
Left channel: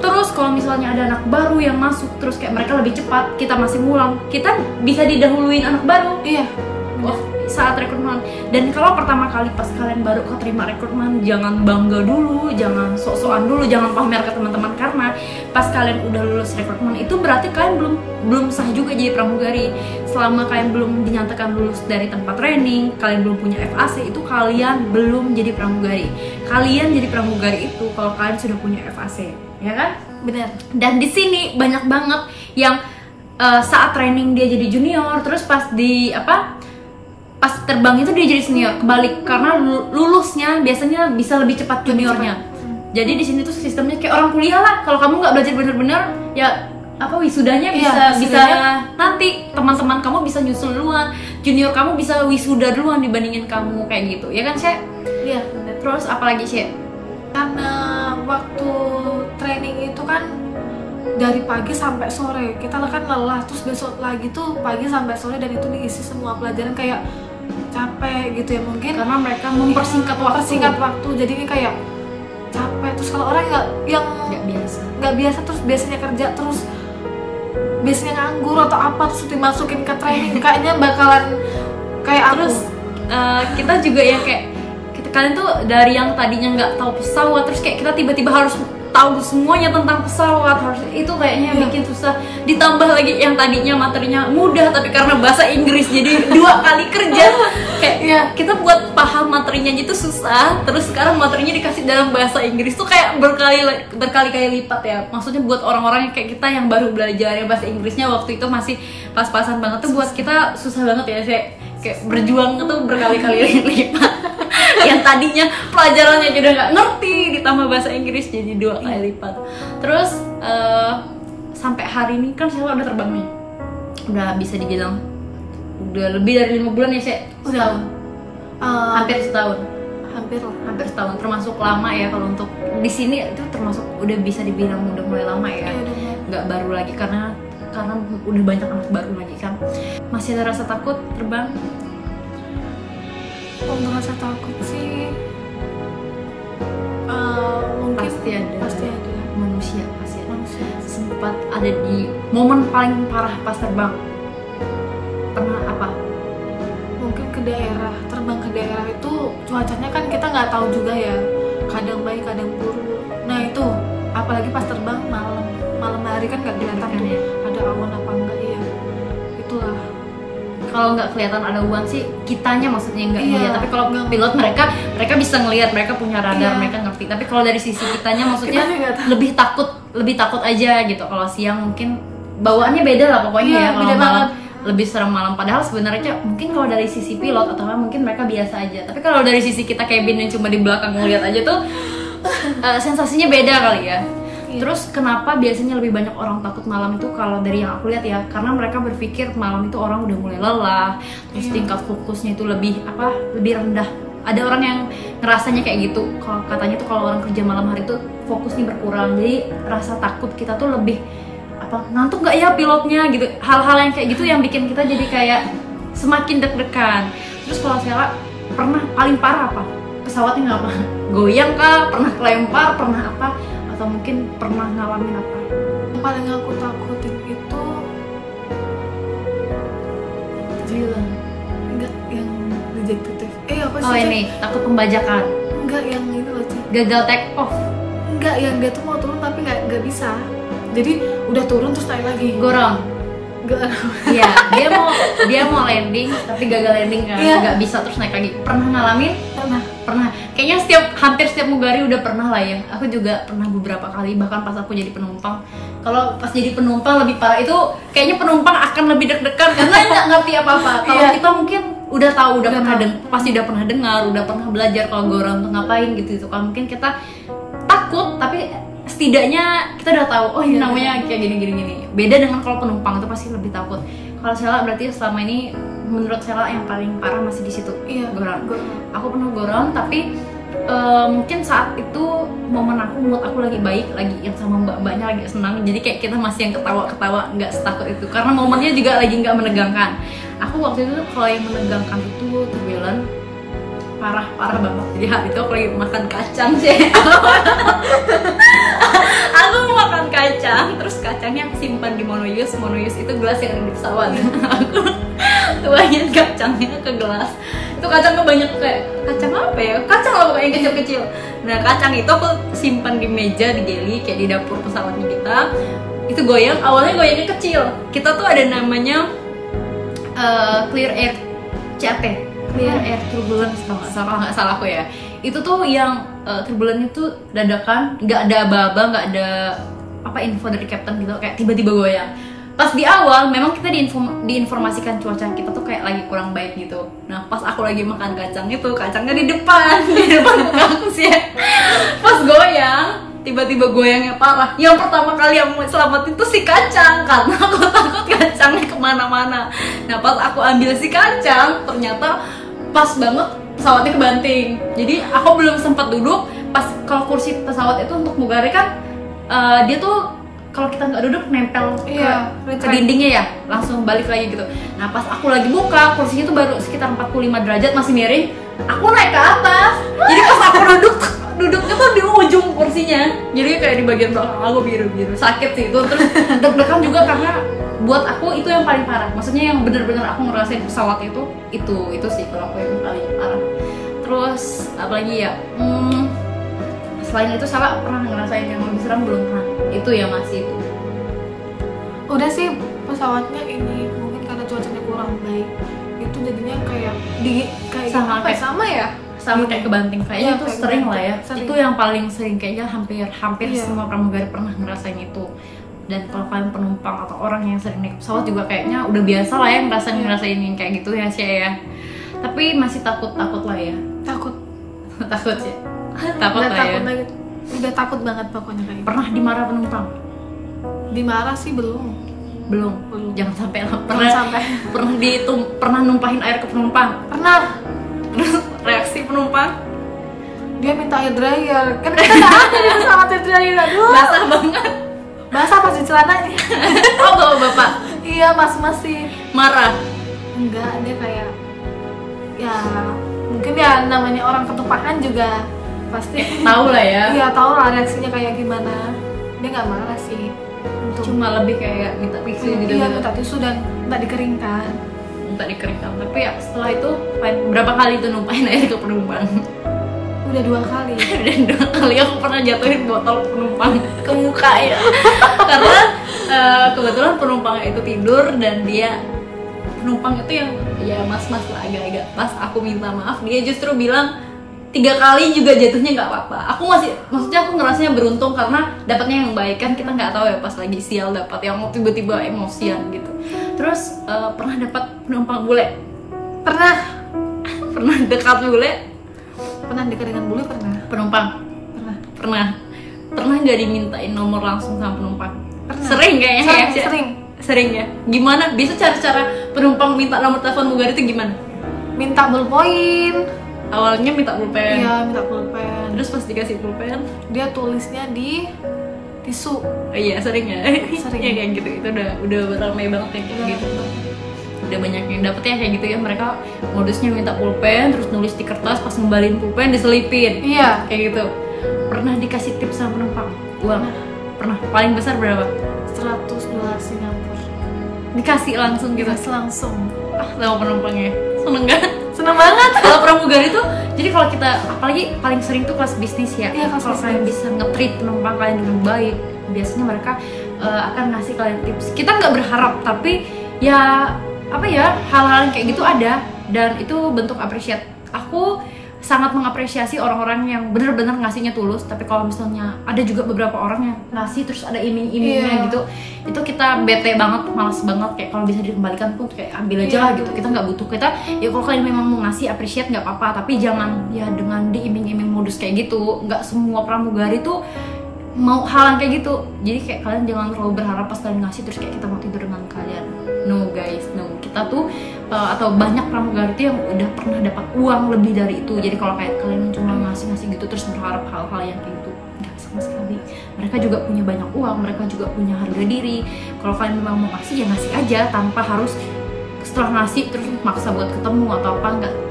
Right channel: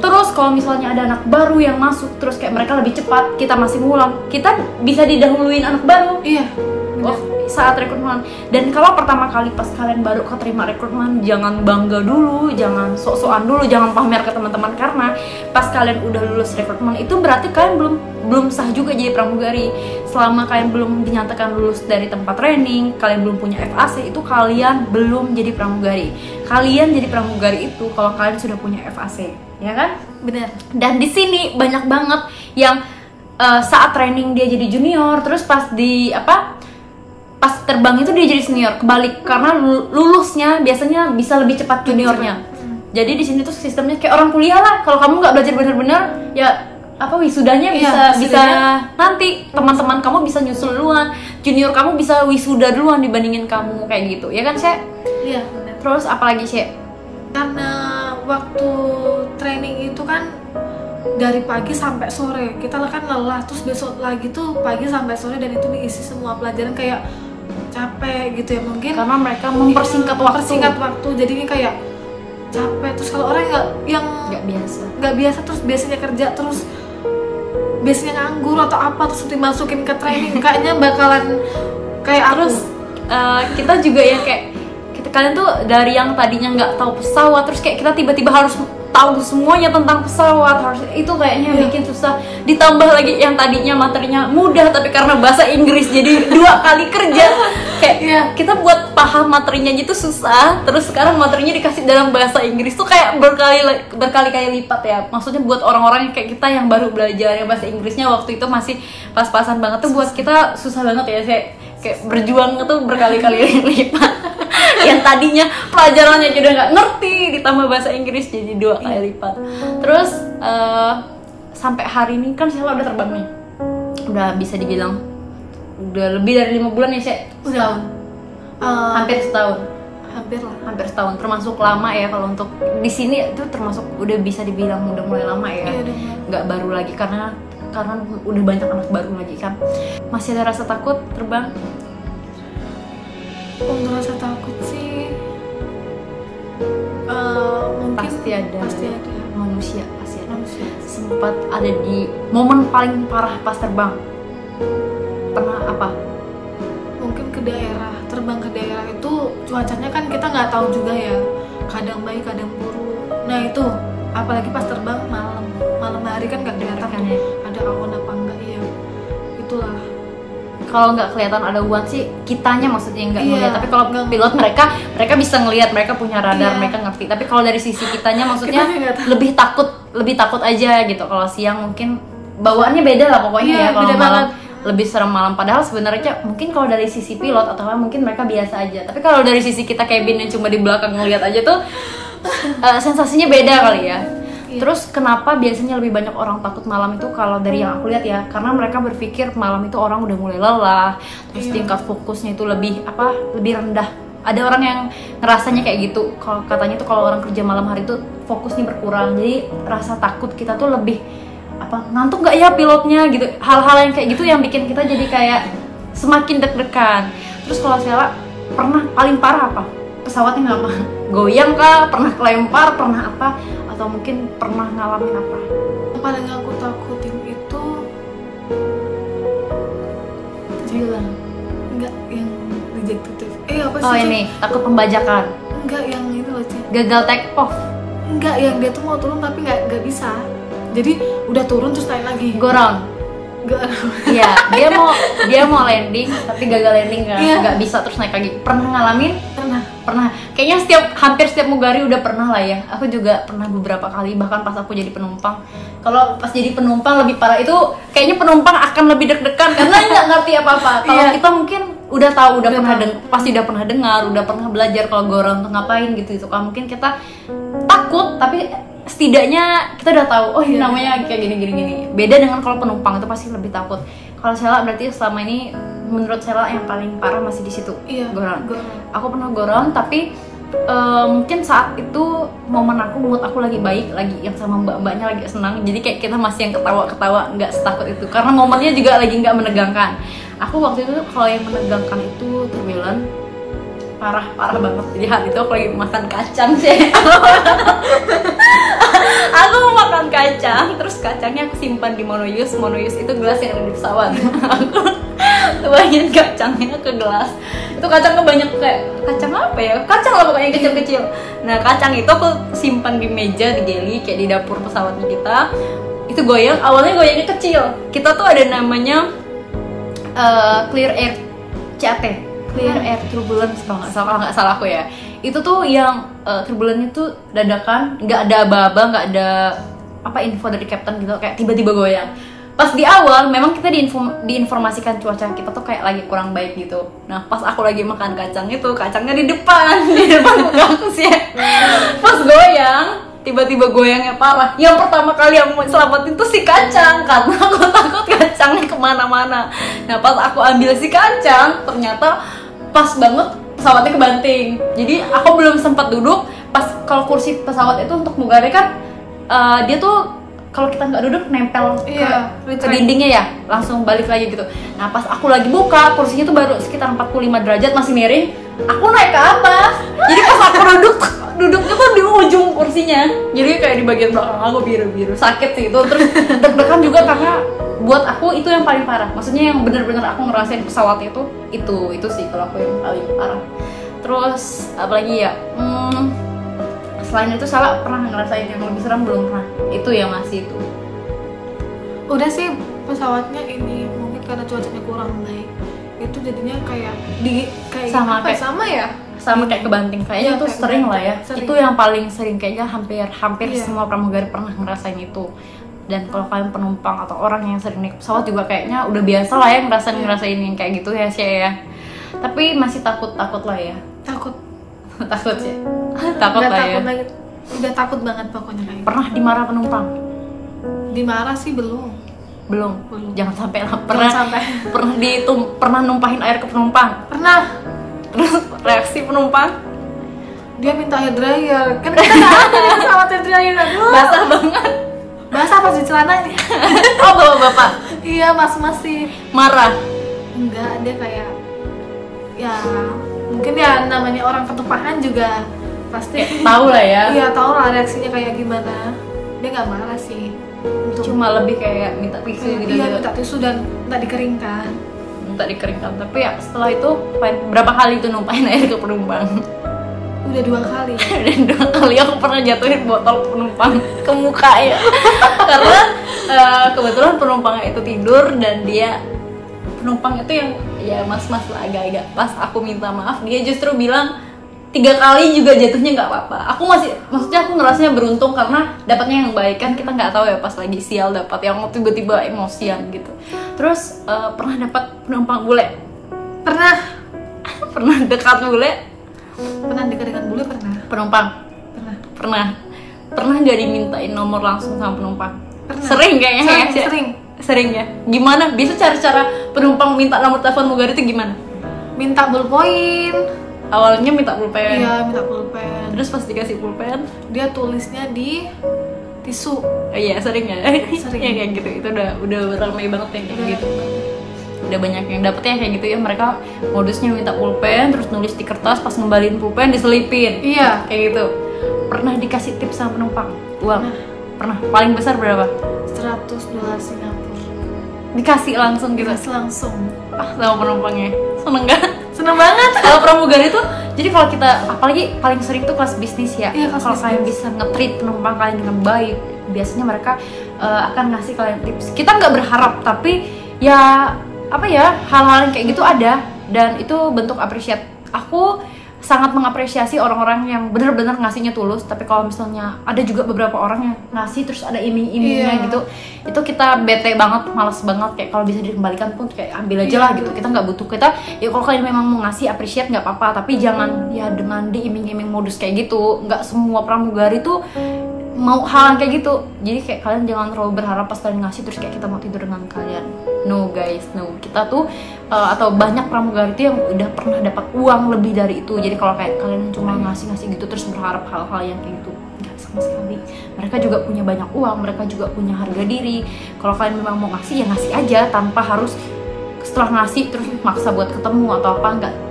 Terus kalau misalnya ada anak baru yang masuk, terus kayak mereka lebih cepat, kita masih ngulang, kita bisa didahuluin anak baru. Iya, benar. Saat rekrutmen. Dan kalau pertama kali pas kalian baru keterima rekrutmen, jangan bangga dulu, jangan sok-sokan dulu, jangan pamer ke teman-teman, karena pas kalian udah lulus rekrutmen itu berarti kalian belum sah juga jadi pramugari. Selama kalian belum dinyatakan lulus dari tempat training, kalian belum punya FAC, itu kalian belum jadi pramugari. Kalian jadi pramugari itu kalau kalian sudah punya FAC, ya kan? Benar. Dan di sini banyak banget yang saat training dia jadi junior, terus pas pas terbang itu dia jadi senior, kebalik, karena lulusnya biasanya bisa lebih cepat juniornya. Jadi di sini tuh sistemnya kayak orang kuliah lah. Kalau kamu nggak belajar benar-benar, ya wisudanya bisa nanti teman-teman kamu bisa nyusul duluan, junior kamu bisa wisuda duluan dibandingin kamu, kayak gitu, ya kan sih? Iya benar. Terus apalagi sih? Karena waktu training itu kan dari pagi sampai sore, kita kan lelah, terus besok lagi tuh pagi sampai sore, dan itu diisi semua pelajaran kayak capek gitu ya mungkin, karena mereka mempersingkat waktu, jadinya kayak capek. Terus kalau orang yang nggak biasa terus biasanya kerja terus biasanya nganggur atau apa, terus dimasukin ke training, kayaknya bakalan kayak aku. Terus kita juga ya kayak kalian tuh dari yang tadinya nggak tahu pesawat, terus kayak kita tiba-tiba harus tahu semuanya tentang pesawat, harus itu kayaknya bikin susah. Ditambah lagi yang tadinya materinya mudah tapi karena bahasa Inggris jadi 2 kali kerja. Kayak kita buat paham materinya gitu susah, terus sekarang materinya dikasih dalam bahasa Inggris tuh kayak berkali-kali lipat ya. Maksudnya buat orang-orang kayak kita yang baru belajar ya bahasa Inggrisnya waktu itu masih pas-pasan banget tuh, buat kita susah banget ya. Kayak berjuang itu berkali-kali lipat. Yang tadinya pelajarannya kita nggak ngerti, ditambah bahasa Inggris jadi 2 kali lipat. Terus sampai hari ini kan saya udah terbang nih, udah bisa dibilang udah lebih dari 5 bulan ya saya. Setahun. Hampir setahun. Hampir setahun, termasuk lama ya kalau untuk di sini itu termasuk udah bisa dibilang udah mulai lama ya. Nggak baru lagi karena udah banyak anak baru lagi kan. Masih ada rasa takut terbang? Untuk rasa takut sih mungkin pasti ada. Manusia sempat ada di momen paling parah pas terbang. Pernah apa? Mungkin terbang ke daerah itu cuacanya kan kita nggak tahu juga ya, kadang baik kadang buruk. Nah itu apalagi pas terbang malam hari kan nggak kelihatan tuh ada awan apa enggak ya. Itulah, kalau nggak kelihatan ada awan sih kitanya maksudnya nggak ngeliat, tapi kalau pilot mereka bisa ngelihat, mereka punya radar, mereka ngerti. Tapi kalau dari sisi kitanya maksudnya lebih takut aja gitu. Kalau siang mungkin bawaannya beda lah pokoknya ya. Kalau malam lebih serem malam, padahal sebenarnya mungkin kalau dari sisi pilot atau mungkin mereka biasa aja, tapi kalau dari sisi kita cabin yang cuma di belakang ngeliat aja tuh sensasinya beda kali ya. Terus kenapa biasanya lebih banyak orang takut malam itu? Kalau dari yang aku lihat ya, karena mereka berpikir malam itu orang udah mulai lelah, terus tingkat fokusnya itu lebih rendah. Ada orang yang ngerasanya kayak gitu. Kalau katanya tuh kalau orang kerja malam hari tuh fokusnya berkurang, jadi rasa takut kita tuh lebih ngantuk nggak ya pilotnya gitu. Hal-hal yang kayak gitu yang bikin kita jadi kayak semakin deg-degan. Terus kalau saya pernah paling parah apa? Pesawatnya apa? Goyang kah? Pernah kelempar? Pernah apa? Atau mungkin pernah ngalamin apa? Yang paling aku takutin itu enggak yang rejected. Apa sih? Oh ini takut pembajakan. Enggak yang itu loh, Ci. Gagal take off. Enggak, yang dia tuh mau turun tapi nggak bisa. Jadi udah turun terus naik lagi. Gorong. Iya, dia mau landing tapi gagal landing kan, nggak bisa terus naik lagi. Pernah ngalamin? Pernah. Kayaknya hampir setiap mugari udah pernah lah ya. Aku juga pernah beberapa kali, bahkan pas aku jadi penumpang. Kalau pas jadi penumpang lebih parah itu, kayaknya penumpang akan lebih deg-degan karena nggak ngerti apa-apa. Kalau kita mungkin udah tahu, pasti udah pernah dengar, udah pernah belajar kalau gorong tuh ngapain gitu. Kalau mungkin kita takut tapi setidaknya kita udah tahu, oh ini namanya kayak gini. Beda dengan kalau penumpang itu pasti lebih takut. Kalau Sela berarti selama ini menurut Sela yang paling parah masih di situ. Gorong. Aku pernah gorong tapi mungkin saat itu momen mood aku lagi baik, lagi yang sama mbak-mbaknya lagi senang, jadi kayak kita masih yang ketawa-ketawa, nggak setakut itu karena momennya juga lagi nggak menegangkan. Aku waktu itu kalau yang menegangkan itu turbulence parah banget. Jadi hari itu aku lagi makan kacang sih. Aku makan kacang, terus kacangnya aku simpan di monoyus itu gelas yang di pesawat. Aku tuangin kacangnya ke gelas. Itu kacangnya banyak, kayak kacang apa ya? Kacang lah pokoknya kecil-kecil. Nah kacang itu aku simpan di meja di galley kayak di dapur pesawatnya kita. Itu goyang, awalnya goyangnya kecil. Kita tuh ada namanya clear air CAT, clear air turbulence kalau nggak salah aku ya. Itu tuh yang turbulence itu dadakan, nggak ada aba-aba, nggak ada info dari captain gitu, kayak tiba-tiba goyang. Pas di awal memang kita diinformasikan cuaca kita tuh kayak lagi kurang baik gitu. Nah pas aku lagi makan kacang itu, kacangnya di depan muka aku sih. Pas goyang, tiba-tiba goyangnya parah. Yang pertama kali yang mau selamatin tuh si kacang, karena aku takut kacangnya kemana-mana. Nah pas aku ambil si kacang, ternyata pas banget pesawatnya kebanting. Jadi aku belum sempat duduk. Pas kalau kursi pesawat itu untuk mugari kan dia tuh kalau kita nggak duduk nempel ke dindingnya ya, langsung balik lagi gitu. Nah pas aku lagi buka, kursinya tuh baru sekitar 45 derajat masih miring. Aku naik ke atas. Jadi pas aku duduknya tuh di ujung kursinya. Jadi kayak di bagian belakang aku biru-biru, sakit sih itu. Terus deg-degan juga karena buat aku itu yang paling parah. Maksudnya yang bener-bener aku ngerasain pesawat itu sih kalau aku yang paling parah. Terus apalagi ya, selain itu Salah pernah ngerasain yang lebih serem belum pernah? Itu ya masih itu. Udah sih pesawatnya ini mungkin karena cuacanya kurang baik itu jadinya kayak Sama apa ya? kayak- Sama ya Sama Gini. kayak kebanting kayaknya Iya, itu kayak sering lah ya. kebanting, sering. Itu yang paling sering kayaknya hampir Iya. semua pramugari pernah ngerasain itu. Dan kalau kalian penumpang atau orang yang sering naik pesawat juga kayaknya udah biasa lah ya ngerasain yang kayak gitu ya sih ya. Tapi masih takut lah ya. takut Takut sih. Takut udah lah takut ya. lagi udah takut banget pokoknya kayak gitu. Pernah dimarah penumpang? Dimarah sih belum Belum. Jangan sampai lah. Pernah sampai pernah numpahin air ke penumpang. pernah Terus reaksi penumpang dia minta hair dryer kan kita nggak ada di pesawat hair dryer aduh basah banget. basah pas di celananya Oh, bapak iya masih marah. enggak dia kayak ya mungkin ya namanya orang ketupahan juga pasti Tahu lah ya. iya tahu lah reaksinya kayak gimana dia nggak marah sih untuk Cuma lebih kayak minta tisu gitu. iya minta tisu dan minta dikeringkan Minta dikeringkan. Tapi ya setelah itu berapa kali itu numpahin air ke penumpang? udah 2 kali Dan 2 kali aku pernah jatuhin botol penumpang ke muka ya. Karena kebetulan penumpangnya itu tidur dan penumpang itu yang ya mas-mas lah agak-agak. Pas aku minta maaf dia justru bilang 3 kali juga jatuhnya nggak apa-apa. Maksudnya aku ngerasanya beruntung karena dapatnya yang baik kan, kita nggak tahu ya pas lagi sial dapat yang tiba-tiba emosian gitu. Terus pernah dapat penumpang bule? pernah Pernah dekat bule? pernah dikeringkan bule pernah Penumpang? pernah Pernah nggak dimintain nomor langsung sama penumpang? Pernah. Sering kayaknya ya? Sering ya? Gimana? Bisa cara-cara penumpang minta nomor telepon mugari itu gimana? minta ballpoint Awalnya minta pulpen. iya minta pulpen Terus pas dikasih pulpen, dia tulisnya di tisu oh iya sering ya? Sering. Ya kayak gitu. Itu udah ramai banget yang kayak gitu. Udah banyak yang dapetnya kayak gitu ya, mereka modusnya minta pulpen terus nulis di kertas, pas ngembalin pulpen diselipin. iya Kayak gitu. Pernah dikasih tips sama penumpang? Uang? Pernah. Paling besar berapa? $100 Singapura Dikasih langsung gitu. dikasih langsung Sama penumpangnya. Seneng gak? seneng banget Kalau pramugari tuh, jadi kalau kita apalagi paling sering tuh kelas bisnis ya. Iya, kelas Kalau kalian bisnis. bisa nge-treat penumpang kalian dengan baik, biasanya mereka akan ngasih kalian tips. Kita nggak berharap, tapi ya apa ya, hal-hal yang kayak gitu ada dan itu bentuk appreciate. Aku sangat mengapresiasi orang-orang yang benar-benar ngasihnya tulus, tapi kalau misalnya ada juga beberapa orang yang ngasih terus ada iming-imingnya Iya. gitu, itu kita bete banget, malas banget. Kayak kalau bisa dikembalikan pun kayak ambil aja Iya, lah gitu, kita nggak butuh. Kita ya kalau kalian memang mau ngasih appreciate nggak apa-apa, tapi jangan ya dengan diiming-iming modus kayak gitu. Nggak semua pramugari tuh mau hal yang kayak gitu. Jadi kayak kalian jangan terlalu berharap pas kalian ngasih terus kayak kita mau tidur dengan kalian. No guys, no. Kita tuh atau banyak pramugari tuh yang udah pernah dapat uang lebih dari itu. Jadi kalau kayak kalian cuma ngasih gitu terus berharap hal-hal yang kayak gitu, nggak sama sekali. Mereka juga punya banyak uang, mereka juga punya harga diri. Kalau kalian memang mau ngasih ya ngasih aja, tanpa harus setelah ngasih terus maksa buat ketemu atau apa.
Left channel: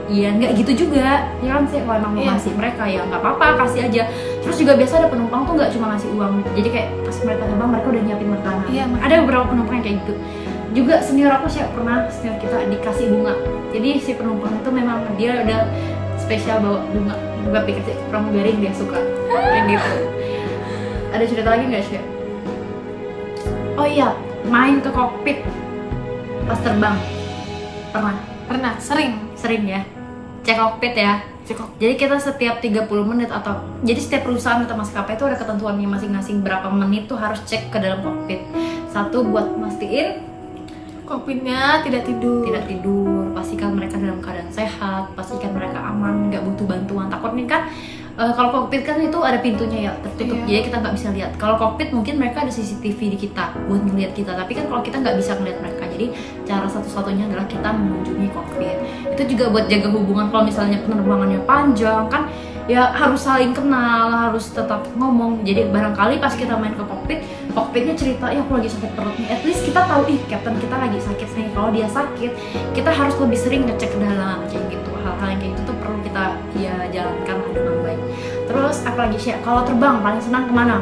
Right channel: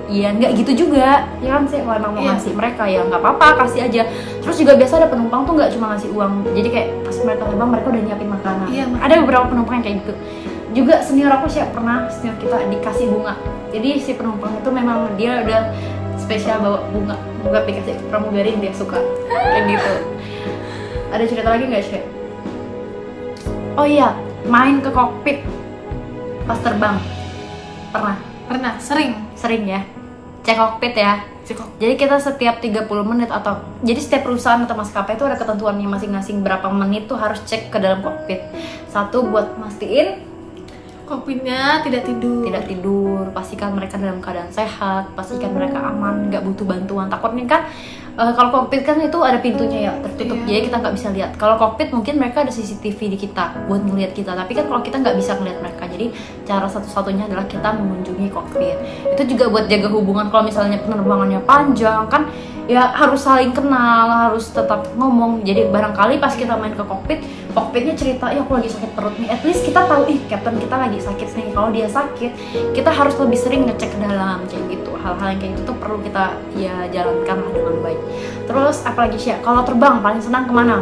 Nggak gitu juga ya kan sih. Kalau emang mau Iya. ngasih mereka ya nggak apa-apa, kasih aja. Terus juga biasa ada penumpang tuh nggak cuma ngasih uang, jadi kayak pas mereka terbang mereka udah nyiapin makanan. Iya, Ada beberapa penumpang yang kayak gitu juga. Senior aku sih pernah, senior kita dikasih bunga. Jadi si penumpang itu memang dia udah spesial bawa bunga buat dikasih pramugari yang dia suka kayak gitu. Ada cerita lagi nggak sih? Oh iya, main ke kokpit pas terbang. Pernah? Sering ya. Cek kokpit ya. Jadi kita setiap 30 menit atau jadi setiap perusahaan atau maskapai itu ada ketentuannya masing-masing berapa menit tuh harus cek ke dalam kokpit. Satu buat mastiin kokpitnya tidak tidur pastikan mereka dalam keadaan sehat, pastikan mereka aman, nggak butuh bantuan. Takutnya kan kalau kokpit kan itu ada pintunya ya tertutup, Iya. jadi kita nggak bisa lihat. Kalau kokpit mungkin mereka ada CCTV di kita buat ngeliat kita, tapi kan kalau kita nggak bisa ngeliat mereka, jadi cara satu-satunya adalah kita mengunjungi kokpit. Itu juga buat jaga hubungan. Kalau misalnya penerbangannya panjang kan ya harus saling kenal, harus tetap ngomong. Jadi barangkali pas kita main ke kokpit, kokpitnya cerita, ya aku lagi sakit perut nih, at least kita tahu captain kita lagi sakit nih. Kalau dia sakit, kita harus lebih sering ngecek ke dalam kayak gitu. Hal-hal yang kayak gitu perlu kita ya jalankan dengan baik. Terus apalagi sih, kalau terbang paling senang kemana?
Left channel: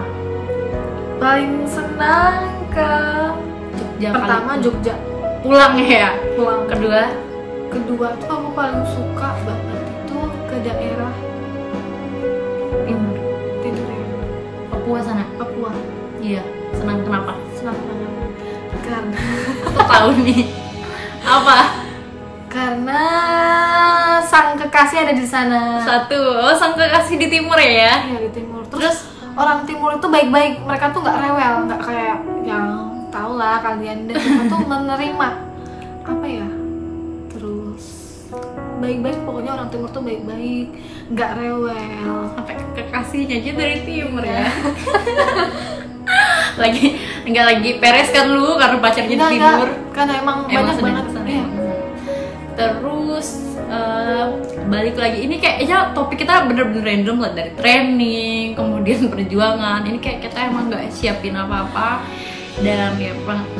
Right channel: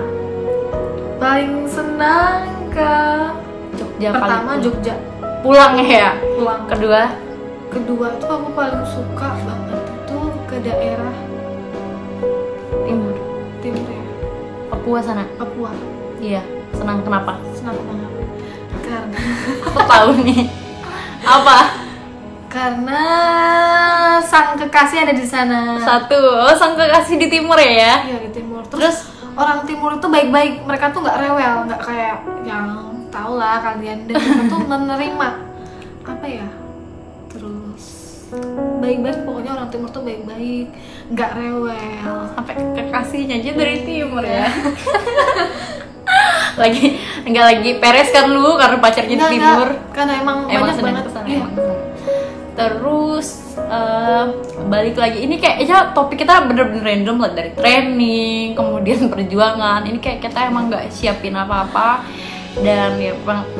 paling senang ke Jogja. pertama paling- Jogja pulang ya. pulang Kedua tuh aku paling suka banget itu ke daerah Timur Papua sana. Papua. Iya, senang kenapa? Senang banget. Karena Aku tahu nih. Apa? karena sang kekasih ada di sana. Satu, oh sang kekasih di timur ya? Iya, di timur. Terus orang timur itu baik-baik, mereka tuh nggak rewel, nggak kayak yang tau lah kalian, dan mereka tuh menerima apa ya, terus baik-baik, pokoknya orang timur tuh baik-baik, nggak rewel. Sampai kekasihnya aja dari timur ya. Enggak lagi peres kan lu karena pacarnya di timur. Karena emang banyak banget. Iya. Terus balik lagi, ini kayaknya topik kita bener-bener random lah, dari training kemudian perjuangan. Ini kayak kita emang nggak siapin apa-apa dan ya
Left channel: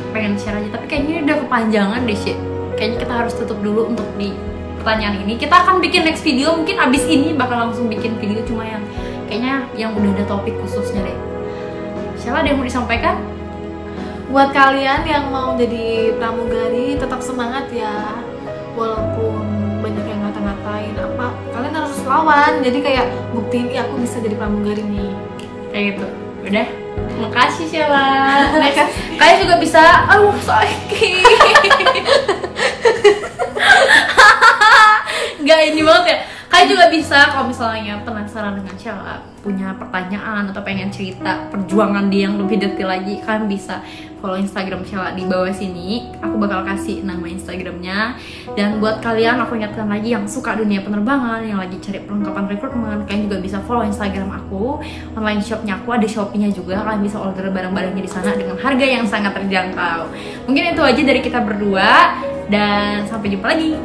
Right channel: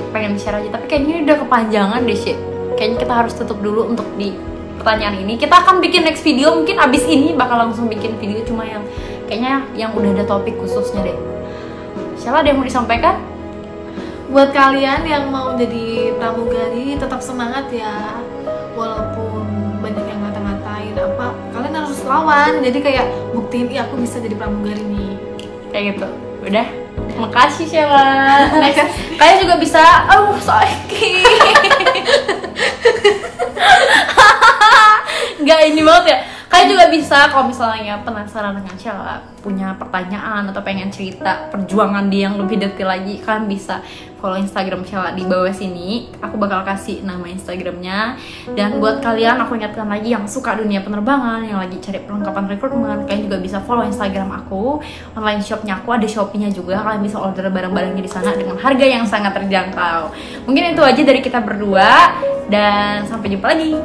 pengen bicara aja, tapi kayaknya ini udah kepanjangan deh sih. Kayaknya kita harus tutup dulu untuk di pertanyaan ini. Kita akan bikin next video, mungkin abis ini bakal langsung bikin video, cuma yang kayaknya yang udah ada topik khususnya deh. Siapa ada yang mau disampaikan? Buat kalian yang mau jadi pramugari, tetap semangat ya. Walaupun banyak yang ngata-ngatain apa, kalian harus lawan. Jadi kayak buktiin, aku bisa jadi pramugari nih. Kayak gitu. Udah. Makasih Sheila. Kalian juga bisa. Sakit. Gak ini banget ya. Kalian juga bisa kalau misalnya penasaran dengan Sheila, punya pertanyaan atau pengen cerita perjuangan dia yang lebih detail lagi, kalian bisa follow Instagram Sheila di bawah sini. Aku bakal kasih nama Instagramnya. Dan buat kalian, aku ingatkan lagi yang suka dunia penerbangan, yang lagi cari perlengkapan rekrutmen, kalian juga bisa follow Instagram aku. Online shopnya aku, ada Shopee-nya juga. Kalian bisa order barang-barangnya di sana dengan harga yang sangat terjangkau. Mungkin itu aja dari kita berdua, dan sampai jumpa lagi.